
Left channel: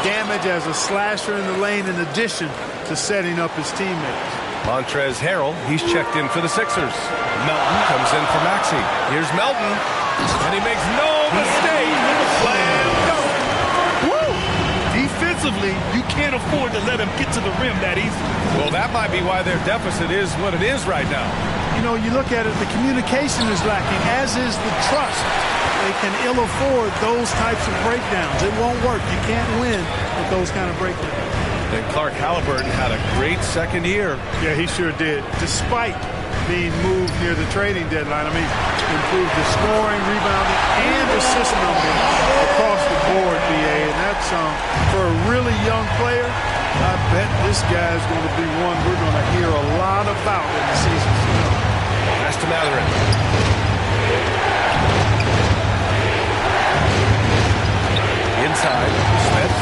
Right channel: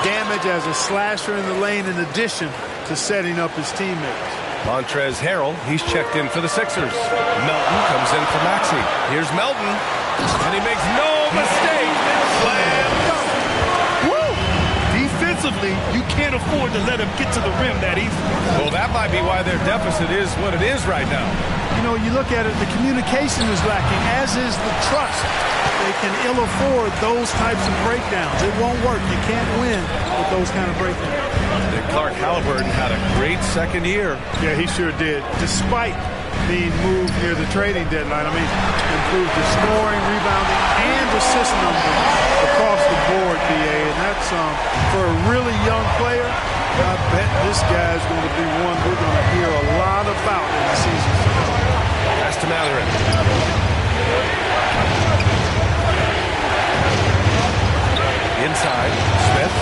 damage as a slasher in the lane in addition to setting up his teammates. Montrezl Harrell, he's checked in for the Sixers. Melton comes in for Maxey. Here's Melton, and he makes no mistake. Slam dunk. Woo! Defensively, you can't afford to let him get to the rim that easily. Well, that might be why their deficit is what it is right now. You know, you look at it, the communication is lacking, as is the trust. They can ill afford those types of breakdowns. It won't work. You can't win with those kind of breakdowns. And Clark Halliburton had a great second year. Yeah, he sure did. Despite being moved near the trading deadline, I mean, improved his scoring, rebounding, and assist numbers across the board, BA. And that's for a really young player. I bet this guy's going to be one we're going to hear a lot about in the seasons to come. Pass to Matherin. Inside, Smith.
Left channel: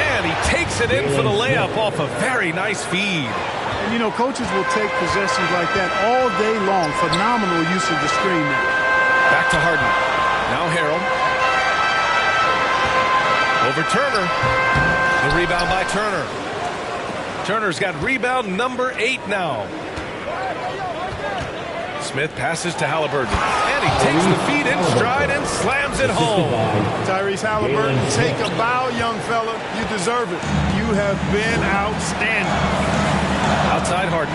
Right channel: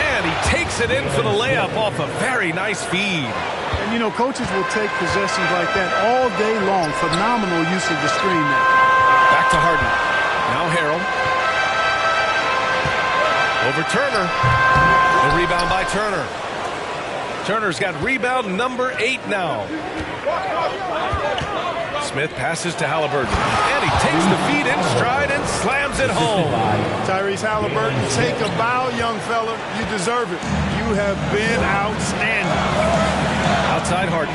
And he takes it in for the layup off a very nice feed. And, you know, coaches will take possessions like that all day long. Phenomenal use of the screen there. Back to Harden. Now Harrell. Over Turner. The rebound by Turner. Turner's got rebound number 8 now. Smith passes to Halliburton, and he takes the feed in stride and slams it home. Tyrese Halliburton, take a bow, young fella. You deserve it. You have been outstanding. Outside Harden.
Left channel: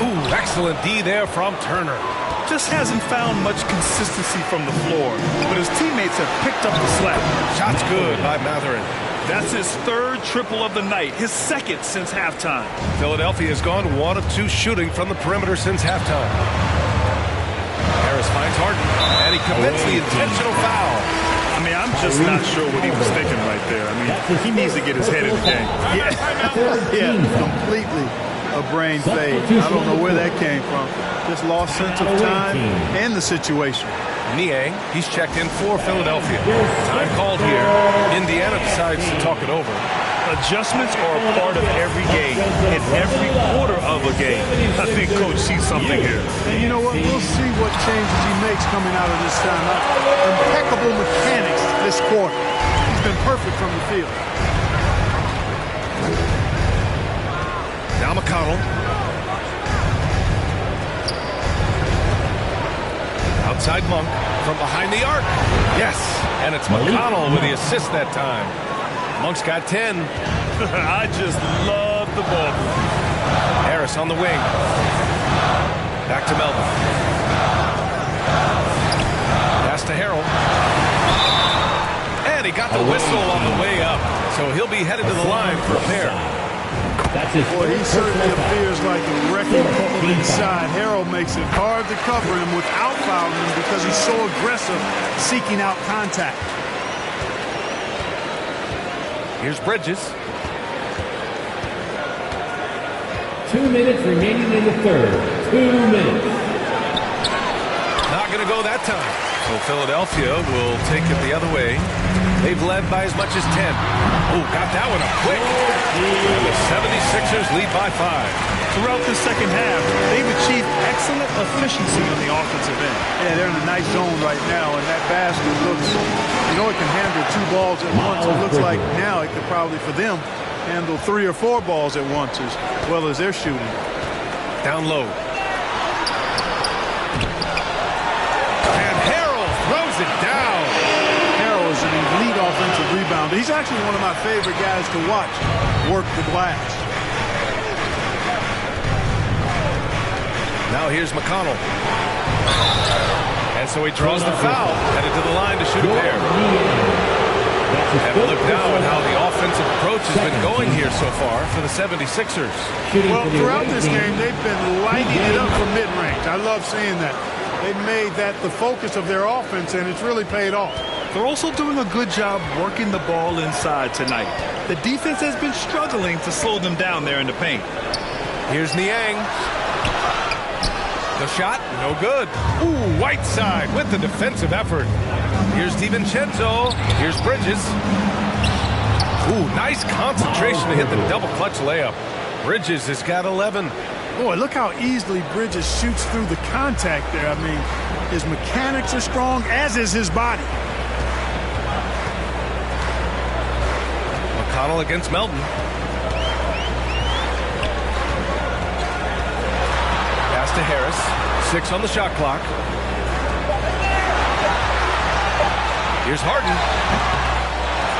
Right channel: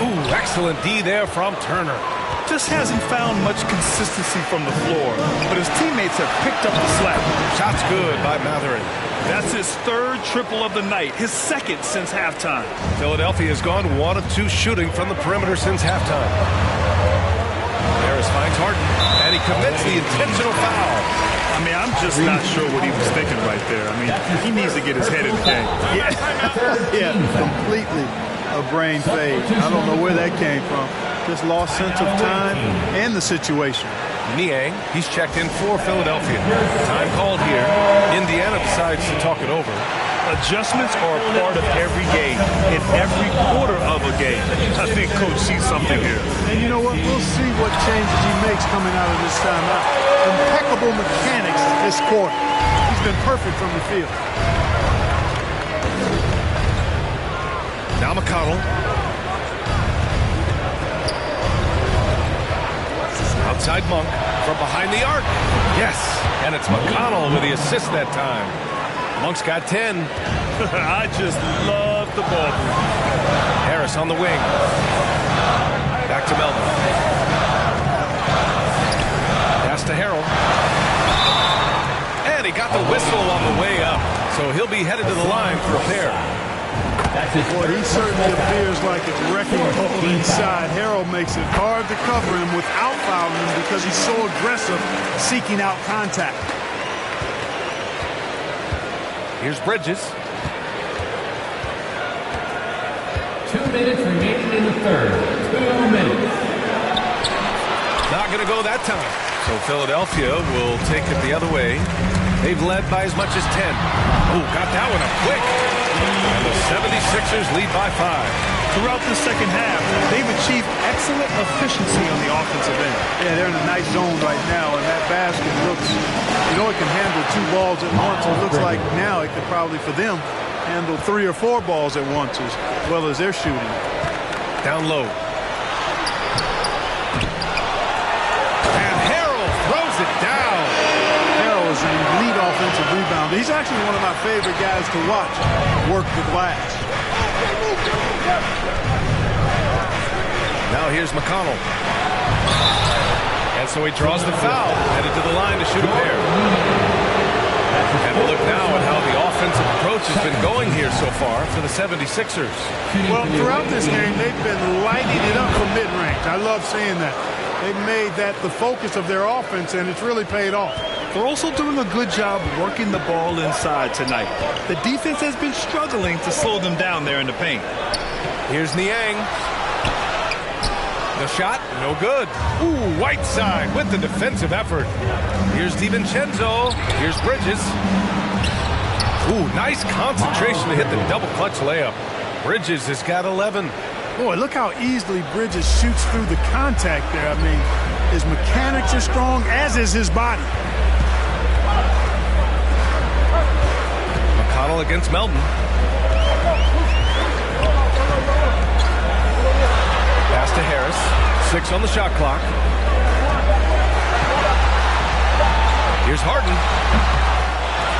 Ooh, excellent D there from Turner. Just hasn't found much consistency from the floor, but his teammates have picked up the slack. Shot's good by Matherin. That's his third triple of the night, his second since halftime. Philadelphia has gone 1 of 2 shooting from the perimeter since halftime. Harris finds Harden, and he commits the intentional foul. I mean, I'm just not sure what he was thinking right there. I mean, he needs to get his head in the game. Yeah, completely a brain fade. I don't know where that came from. Just lost sense of time and the situation. Niang, he's checked in for Philadelphia. Time called here. Indiana decides to talk it over. Adjustments are a part of every game, in every quarter of a game. I think Coach sees something here. And you know what? We'll see what changes he makes coming out of this timeout. Impeccable mechanics this quarter. He's been perfect from the field. Now McConnell. Outside Monk from behind the arc. Yes, and it's McConnell with the assist that time. Monk's got 10. I just love the ball. Harris on the wing. Back to Melvin. Pass to Harrell. And he got the whistle on the way up. So he'll be headed to the line for a pair. Boy, he certainly appears like a wrecking ball inside. Harrell makes it hard to cover him without fouling him because he's so aggressive seeking out contact. Here's Bridges. 2 minutes remaining in the third. 2 minutes. Not going to go that time. So Philadelphia will take it the other way. They've led by as much as 10. Oh, got that one up quick. And the 76ers lead by 5. Throughout the second half, they've achieved excellent efficiency on the offensive end. Yeah, they're in a nice zone right now, and that basket looks, you know, it can handle 2 balls at once. It looks like now it could probably, for them, handle 3 or 4 balls at once as well as they're shooting. Down low. And Harrell throws it down. Harrell is an elite offensive rebounder. He's actually one of my favorite guys to watch work the glass. Now here's McConnell. And so he draws the foul, headed to the line to shoot a pair. And a look now at how the offensive approach has been going here so far for the 76ers. Well, throughout this game, they've been lighting it up from mid-range. I love seeing that. They've made that the focus of their offense, and it's really paid off. They're also doing a good job working the ball inside tonight. The defense has been struggling to slow them down there in the paint. Here's Niang. The shot, no good. Ooh, Whiteside with the defensive effort. Here's DiVincenzo. Here's Bridges. Ooh, nice concentration to hit the double clutch layup. Bridges has got 11. Boy, look how easily Bridges shoots through the contact there. I mean, his mechanics are strong, as is his body. McConnell against Melton. Pass to Harris. 6 on the shot clock. Here's Harden.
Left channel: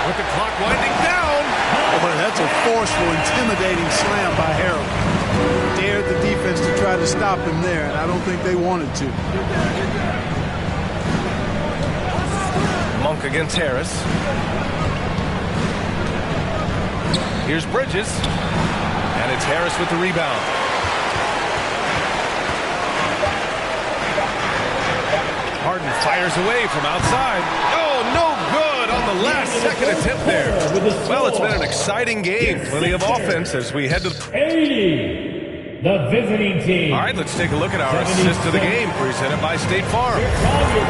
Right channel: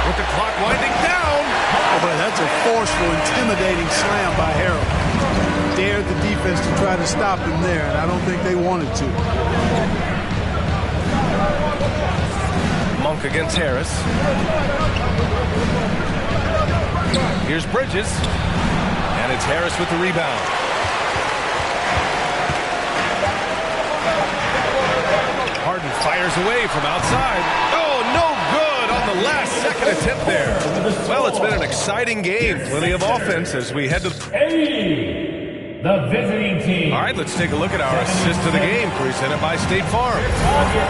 With the clock winding down. Boy, that's a forceful, intimidating slam by Harrell. Dared the defense to try to stop him there, and I don't think they wanted to. Monk against Harris. Here's Bridges. And it's Harris with the rebound. Harden fires away from outside. Oh, no good on the last second attempt there. Well, it's been an exciting game. Plenty of offense as we head to 80, the visiting team. All right, let's take a look at our assist of the game presented by State Farm.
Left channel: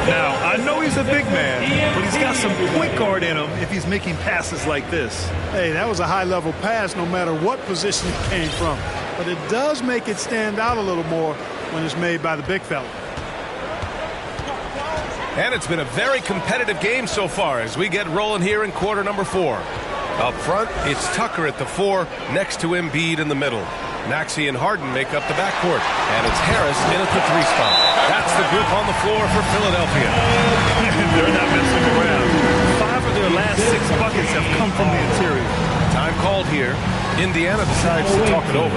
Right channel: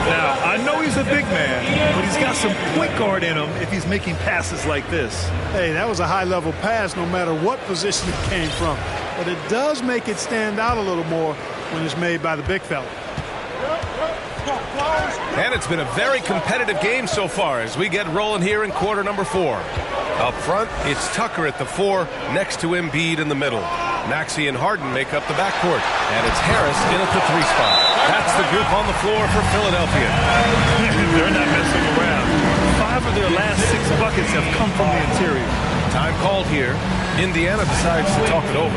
Now, I know he's a big man, but he's got some point guard in him if he's making passes like this. Hey, that was a high-level pass no matter what position it came from. But it does make it stand out a little more when it's made by the big fella. And it's been a very competitive game so far as we get rolling here in quarter number 4. Up front, it's Tucker at the 4, next to Embiid in the middle. Maxey and Harden make up the backcourt, and it's Harris in at the 3 spot. That's the group on the floor for Philadelphia. They're not messing around. 5 of their last 6 buckets have come from the interior. Time called here. Indiana decides to talk it over.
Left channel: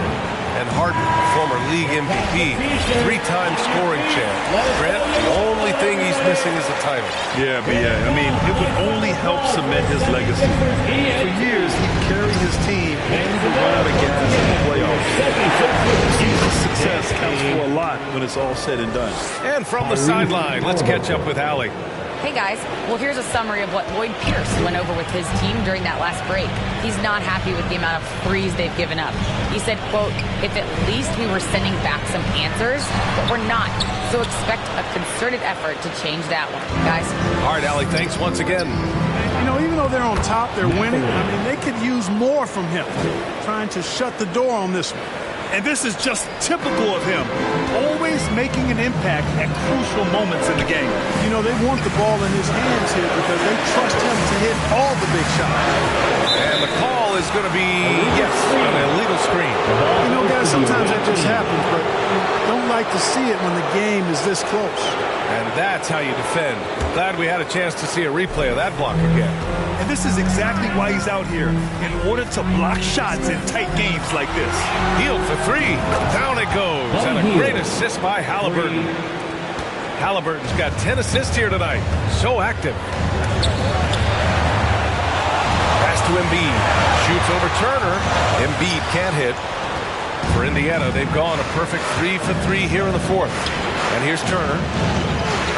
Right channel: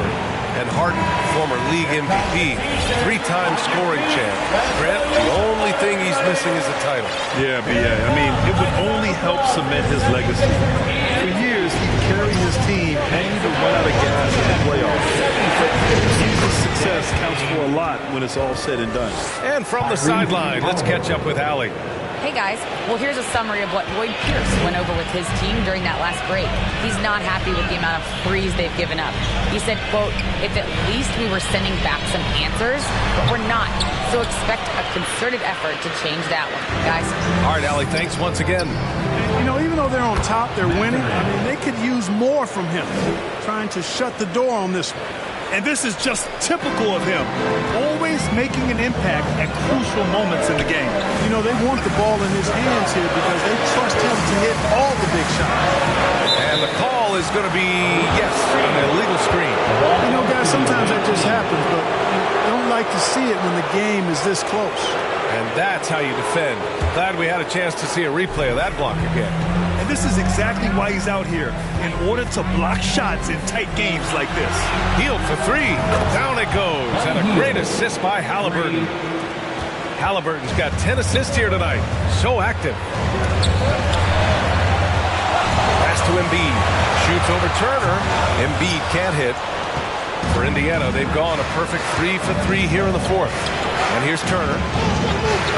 And Harden, former league MVP, 3-time scoring champ. Grant, the only thing he's missing is a title. Yeah, B.A. I mean, it would only help cement his legacy. For years, he'd carry his team only to run out of gas in the playoffs. But season success counts for a lot when it's all said and done. And from the sideline, let's catch up with Allie. Hey guys, well here's a summary of what Lloyd Pierce went over with his team during that last break. He's not happy with the amount of threes they've given up. He said, quote, if at least we were sending back some answers, but we're not. So expect a concerted effort to change that one, guys. All right, Allie, thanks once again. You know, even though they're on top, they're winning. I mean, they could use more from him, trying to shut the door on this one. And this is just typical of him, always making an impact at crucial moments in the game. You know, they want the ball in his hands here because they trust him to hit all the big shots. And the call is going to be, yes, an illegal screen. You know, guys, sometimes that just happens, but you don't like to see it when the game is this close. And that's how you defend. Glad we had a chance to see a replay of that block again. And this is exactly why he's out here, in order to block shots in tight games like this. Hield for 3. Down it goes. And a great assist by Halliburton. Halliburton's got 10 assists here tonight. So active. Pass to Embiid. Shoots over Turner. Embiid can't hit. For Indiana, they've gone a perfect 3 for 3 here in the 4th. And here's Turner.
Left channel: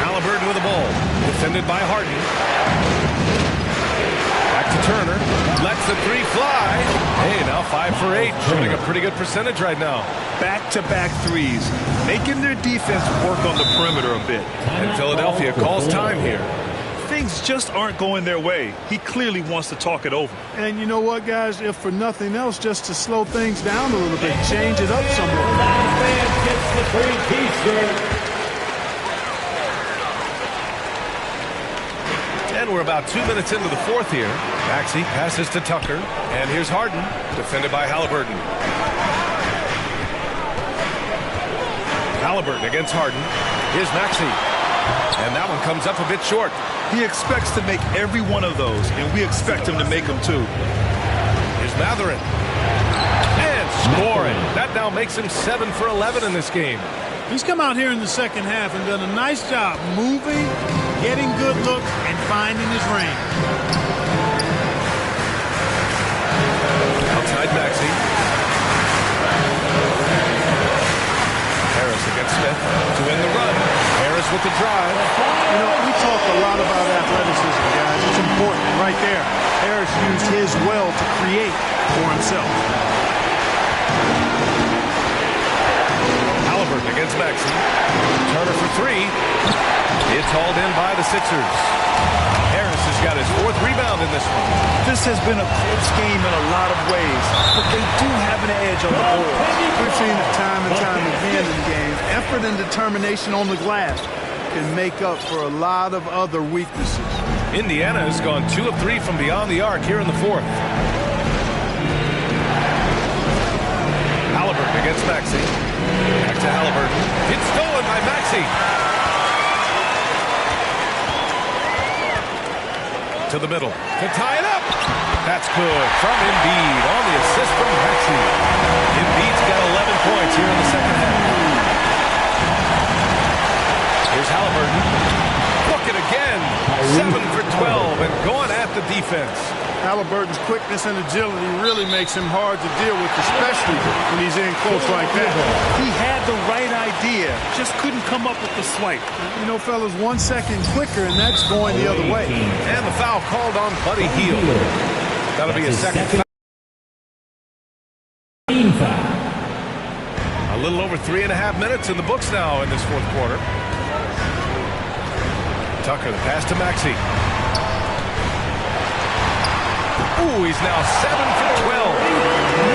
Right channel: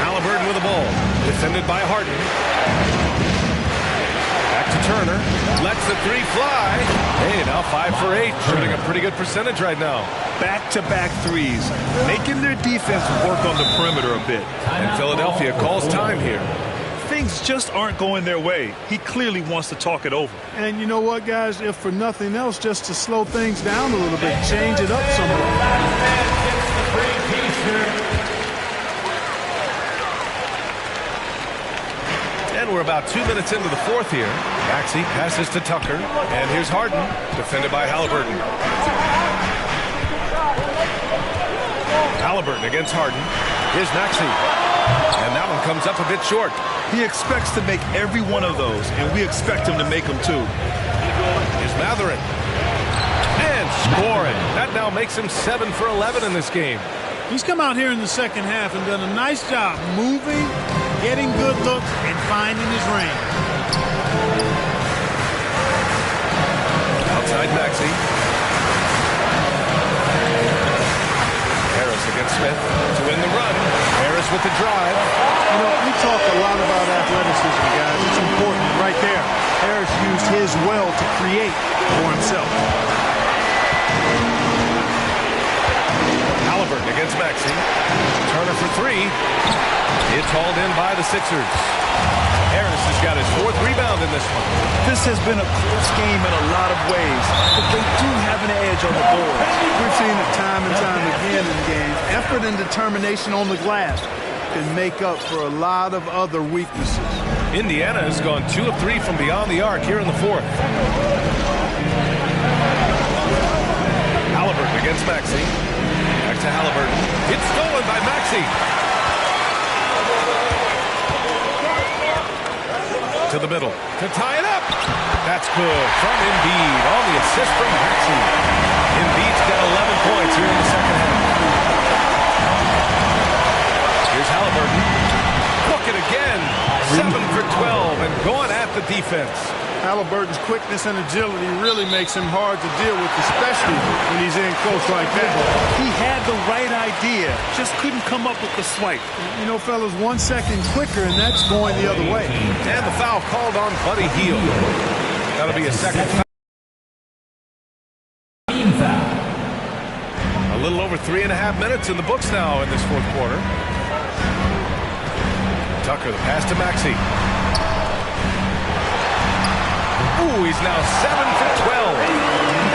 Halliburton with the ball. Defended by Harden. Back to Turner. Lets the 3 fly. Hey, now 5 for 8. Shooting a pretty good percentage right now. Back-to-back threes. Making their defense work on the perimeter a bit. And Philadelphia calls time here. Things just aren't going their way. He clearly wants to talk it over. And you know what, guys? If for nothing else, just to slow things down a little bit, change it up somewhat. Fan gets the free T-shirt. And we're about 2 minutes into the 4th here. Maxey passes to Tucker. And here's Harden, defended by Halliburton. Halliburton against Harden. Here's Maxey. And that one comes up a bit short. He expects to make every one of those, and we expect him to make them too. Here's Matherin. And scoring. That now makes him 7 for 11 in this game. He's come out here in the second half and done a nice job moving, getting good looks, and finding his range. Outside Maxey. Harris against Smith to win the run. Harris with the drive. You know, we talk a lot about athleticism, guys. It's important. And right there, Harris used his well to create for himself. Halliburton against Maxey. Turner for 3. It's hauled in by the Sixers. Harris has got his 4th rebound in this one. This has been a close game in a lot of ways, but they do have an edge on the boards. We've seen it time and time again in games. Effort and determination on the glass can make up for a lot of other weaknesses. Indiana has gone 2 of 3 from beyond the arc here in the 4th. Halliburton against Maxey. Back to Halliburton. It's stolen by Maxey. To the middle to tie it up. That's good from Embiid on the assist from Maxey. Embiid's got 11 points here in the second half. Here's Halliburton. Book it again. 7 for 12 and going at the defense. Halliburton's quickness and agility really makes him hard to deal with, especially when he's in close like that. He had the right idea, just couldn't come up with the swipe. You know, fellas, 1 second quicker, and that's going the other way. And the foul called on Buddy Hield. That'll be a second foul. A little over 3.5 minutes in the books now in this 4th quarter. Tucker, the pass to Maxey. Ooh, he's now 7 for 12.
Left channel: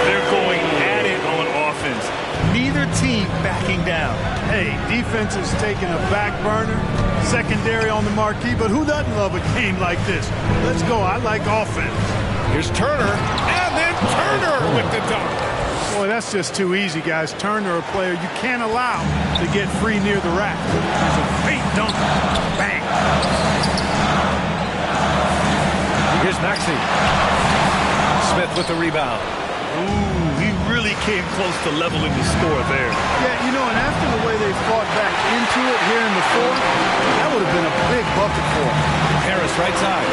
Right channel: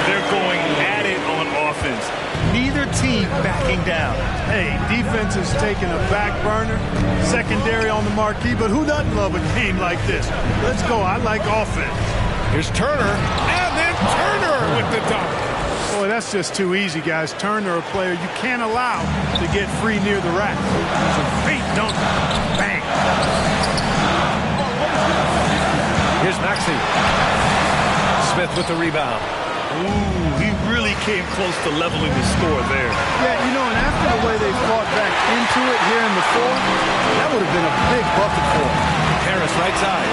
They're going at it on offense. Neither team backing down. Hey, defense is taking a back burner, secondary on the marquee, but who doesn't love a game like this? Let's go. I like offense. Here's Turner, and then Turner with the dunk. Boy, that's just too easy, guys. Turner, a player you can't allow to get free near the rack. He's a feint dunk. Bang. Here's Maxey. Smith with the rebound. Ooh, he really came close to leveling the score there. Yeah, you know, and after the way they fought back into it here in the fourth, that would have been a big bucket for him. Harris right side.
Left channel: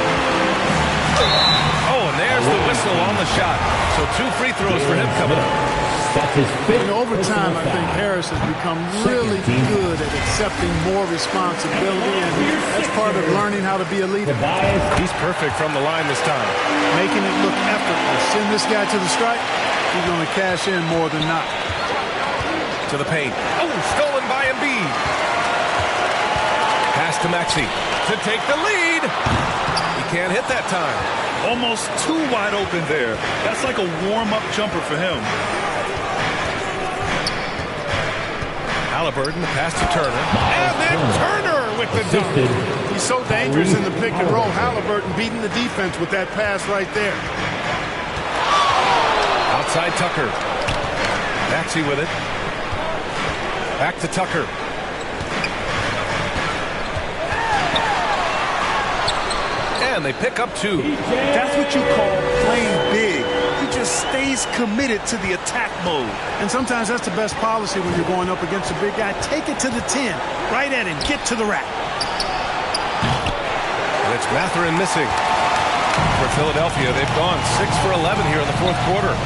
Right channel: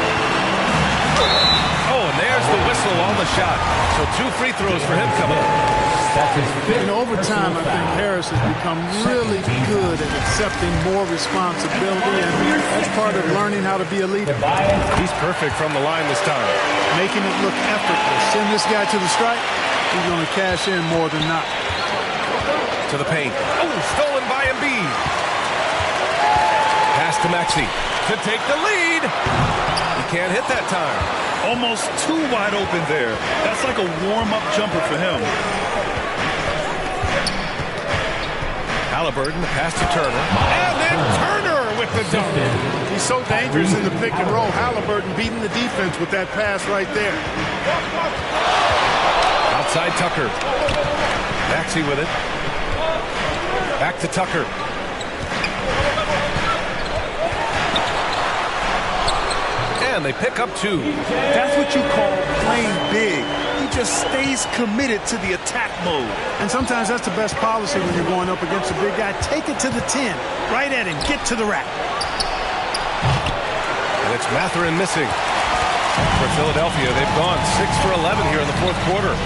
Oh, and there's the whistle on the shot. So 2 free throws for him coming up. That's his fifth. And over time, I think Harris has become really good at accepting more responsibility, and that's part of learning how to be a leader. He's perfect from the line this time. Making it look effortless. Send this guy to the stripe, he's going to cash in more than not. To the paint. Oh, stolen by Embiid. Pass to Maxey to take the lead. He can't hit that time. Almost too wide open there. That's like a warm-up jumper for him. Halliburton, the pass to Turner. And then Turner with the dunk. He's so dangerous in the pick and roll. Halliburton beating the defense with that pass right there. Outside Tucker. Maxey with it. Back to Tucker. And they pick up 2. That's what you call playing big. He just stays committed to the attack mode. And sometimes that's the best policy when you're going up against a big guy. Take it to the 10. Right at him. Get to the rack. And it's Mathurin missing. For Philadelphia, they've gone 6 for 11 here in the fourth quarter.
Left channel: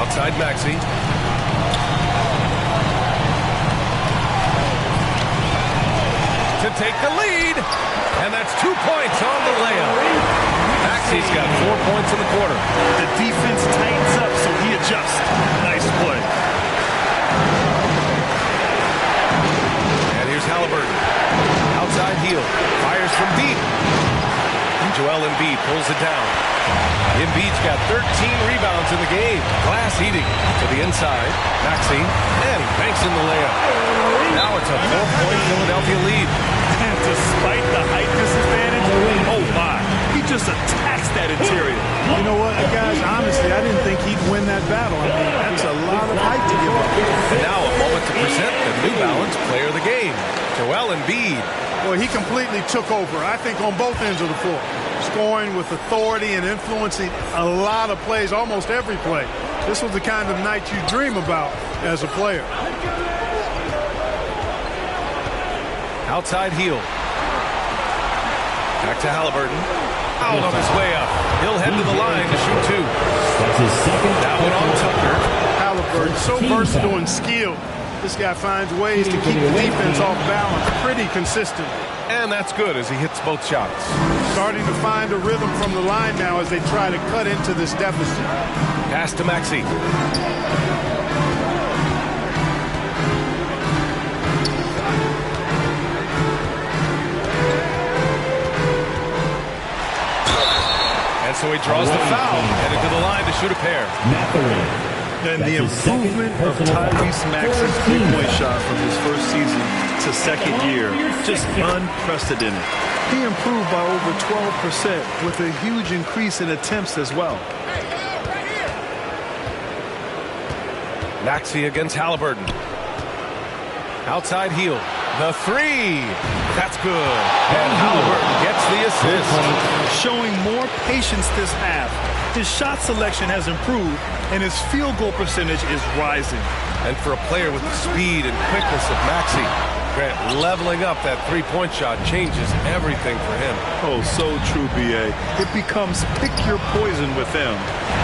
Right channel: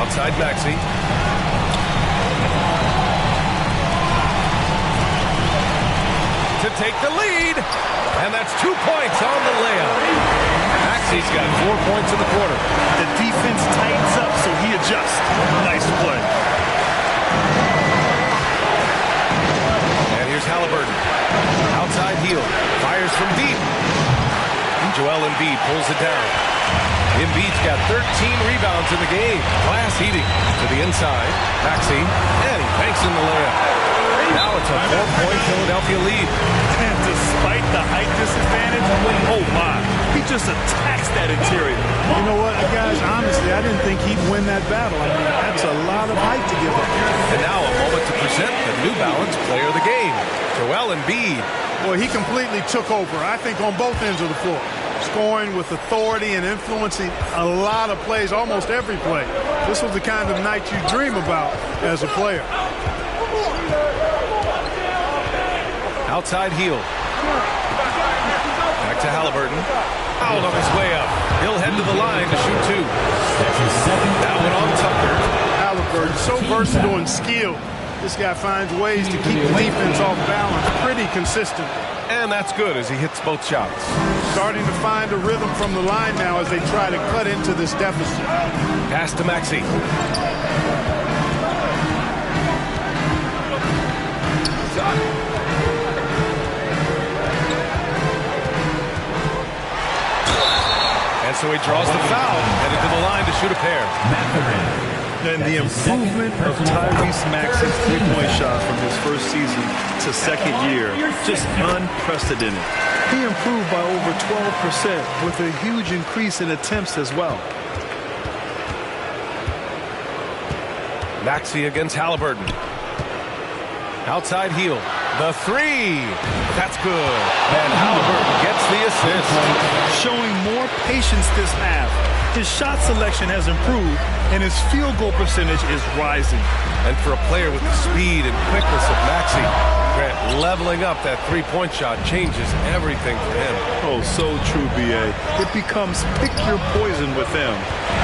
Outside Maxey. To take the lead. And that's 2 points on the layup. Maxey's got 4 points in the quarter. The defense tightens up, so he adjusts. Nice play. And here's Halliburton. Outside heel. Fires from deep. And Joel Embiid pulls it down. Embiid's got 13 rebounds in the game. Glass heating to the inside. Maxey. And he banks in the layup. Now it's a 4-point Philadelphia lead. And despite the height disadvantage, oh my, he just attacks that interior. You know what, guys, honestly, I didn't think he'd win that battle. I mean, that's a lot of height to give up. And now a moment to present the New Balance player of the game, Joel Embiid. Well, he completely took over, I think, on both ends of the floor. Scoring with authority and influencing a lot of plays, almost every play. This was the kind of night you dream about as a player. Outside heel. Back to Halliburton. Out on his way up. He'll head to the line to shoot 2. That's his second. That one on Tucker. Halliburton, so versatile and skilled. This guy finds ways to keep the defense off balance pretty consistent. And that's good as he hits both shots. Starting to find a rhythm from the line now as they try to cut into this deficit. Pass to Maxey. And so he draws the foul, headed to the line to shoot a pair. Mathurin. And the improvement of Tyrese Maxey's three-point shot from his first season to second year, just unprecedented. He improved by over 12% with a huge increase in attempts as well. Maxey against Halliburton. Outside heel. The 3. That's good. And Halliburton gets the assist. Showing more patience this half. His shot selection has improved, and his field goal percentage is rising. And for a player with the speed and quickness of Maxey, Grant, leveling up that three-point shot changes everything for him. Oh, so true, B.A. It becomes pick your poison with them.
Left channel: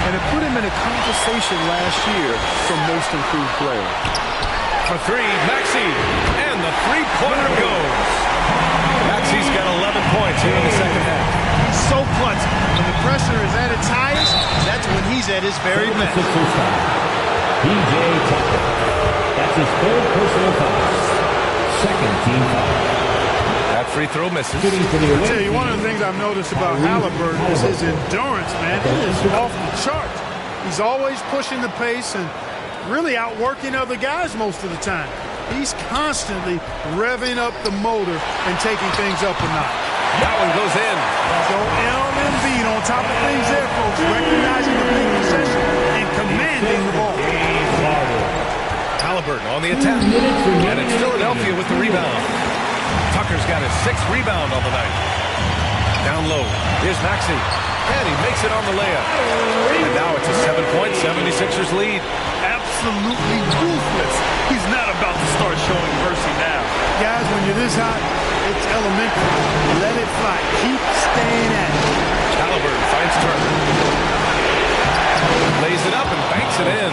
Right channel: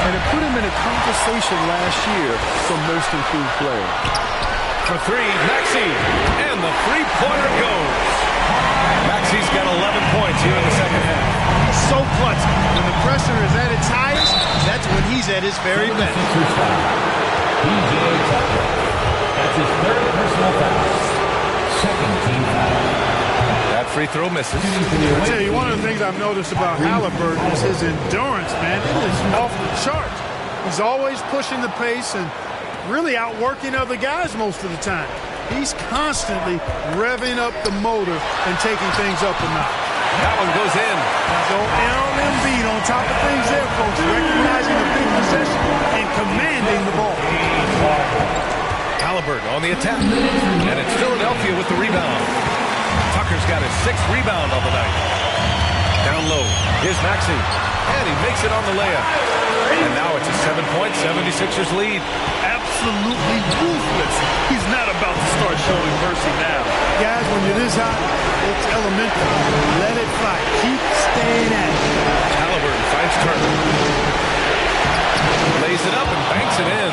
And it put him in a conversation last year for most improved player. For 3, Maxey. And the three-pointer goes. Maxey's got 11 points here in the second half. He's so clutch. When the pressure is at its highest, that's when he's at his very best. P.J. Tucker. That's his third personal foul. Second team foul. That free throw misses. I tell you, one of the things I've noticed about Halliburton is his endurance, man. It is off the charts. He's always pushing the pace and really outworking other guys most of the time. He's constantly revving up the motor and taking things up a notch. That one goes in. Joel Embiid on top of things there, folks, recognizing the big possession and commanding the ball. Halliburton on the attack. And it's Philadelphia with the rebound. Tucker's got his 6th rebound on the night. Down low. Here's Maxey. And he makes it on the layup. And now it's a 7-point 76ers lead. Absolutely ruthless. He's not about to start showing mercy now. Guys, when you're this hot, it's elementary. Let it fly. Keep staying at it. Halliburton finds Turner. Lays it up and banks it in.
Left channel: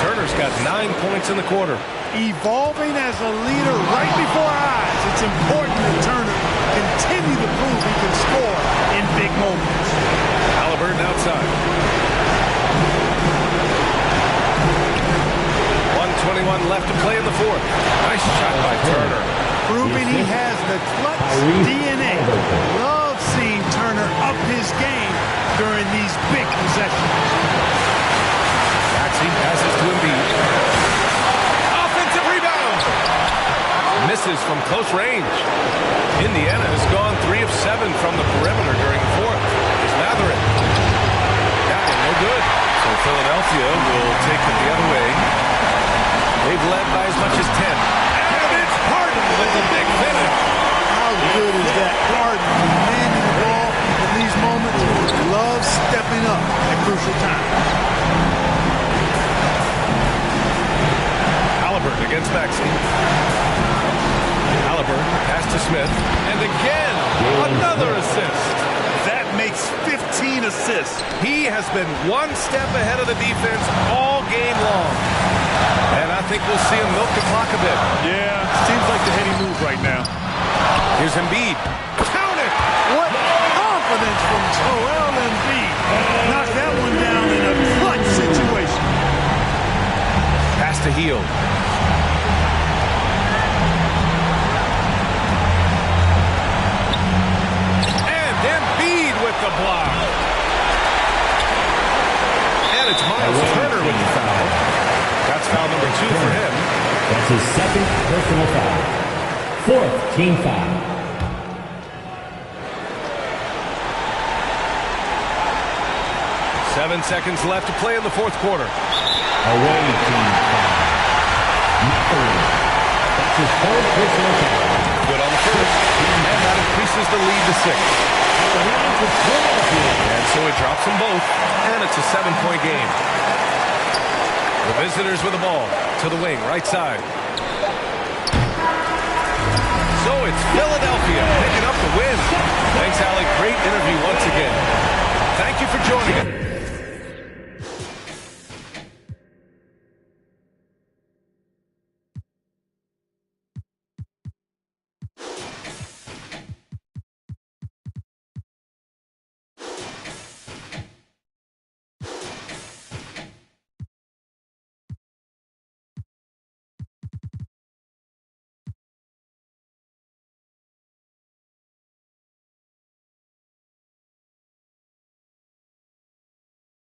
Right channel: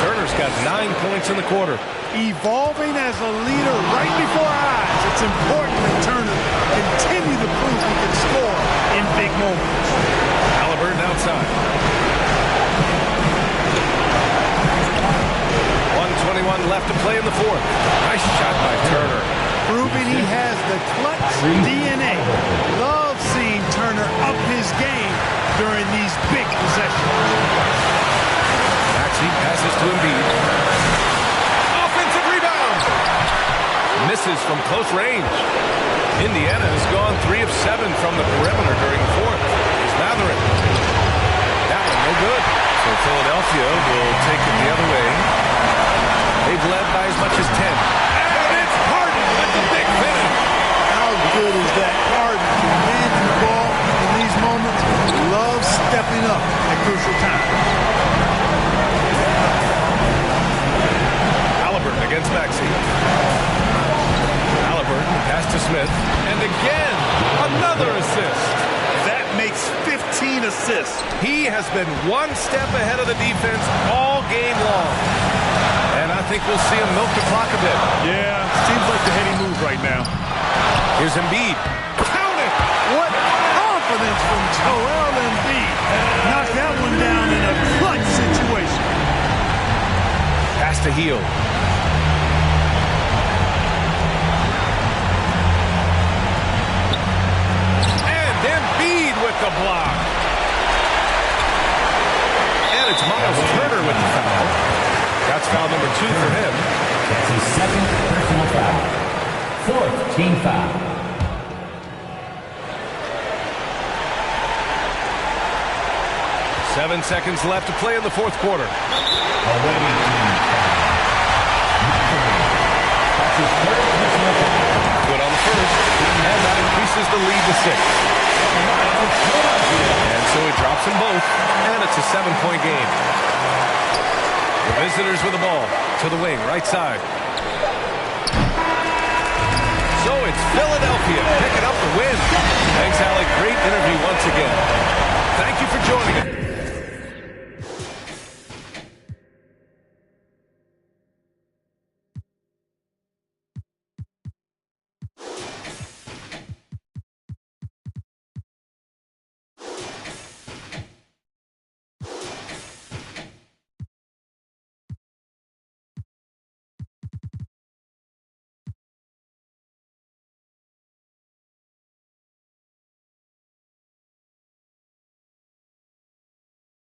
Turner's got 9 points in the quarter. Evolving as a leader right before our eyes. It's important that Turner continue to prove he can score in big moments. Halliburton outside. 1:21 left to play in the fourth. Nice shot by Turner. Proving he has the clutch DNA. Love seeing Turner up his game during these big possessions. Maxey passes to Embiid. Offensive rebound. Misses from close range. Indiana has gone 3 of 7 from the perimeter during the fourth. Here's Matherin. That one no good. So Philadelphia will take it the other way. They've led by as much as 10. And it's Harden with the big finish. How good is that? Harden commanding the ball in these moments. Love stepping up at crucial times. Halliburton against Maxey. Halliburton pass to Smith. And again, another assist. That makes 15 assists. He has been one step ahead of the defense all game long. And I think we'll see him milk the clock a bit. Yeah, seems like the heady move right now. Here's Embiid. Count it! What confidence from Joel Embiid. Knocked that one down in a clutch situation. Pass to Hield. And Embiid with the block. And it's Miles Turner with the foul. That's foul number 2 for him. That's his 2nd personal foul. 4th team foul. Seven seconds left to play in the fourth quarter. Away team foul. Matherin. That's his 3rd personal foul. Good on the first. And that increases the lead to 6. And so it drops them both. And it's a 7-point game. The visitors with the ball to the wing, right side. So it's Philadelphia picking up the win. Thanks, Alec. Great interview once again. Thank you for joining us.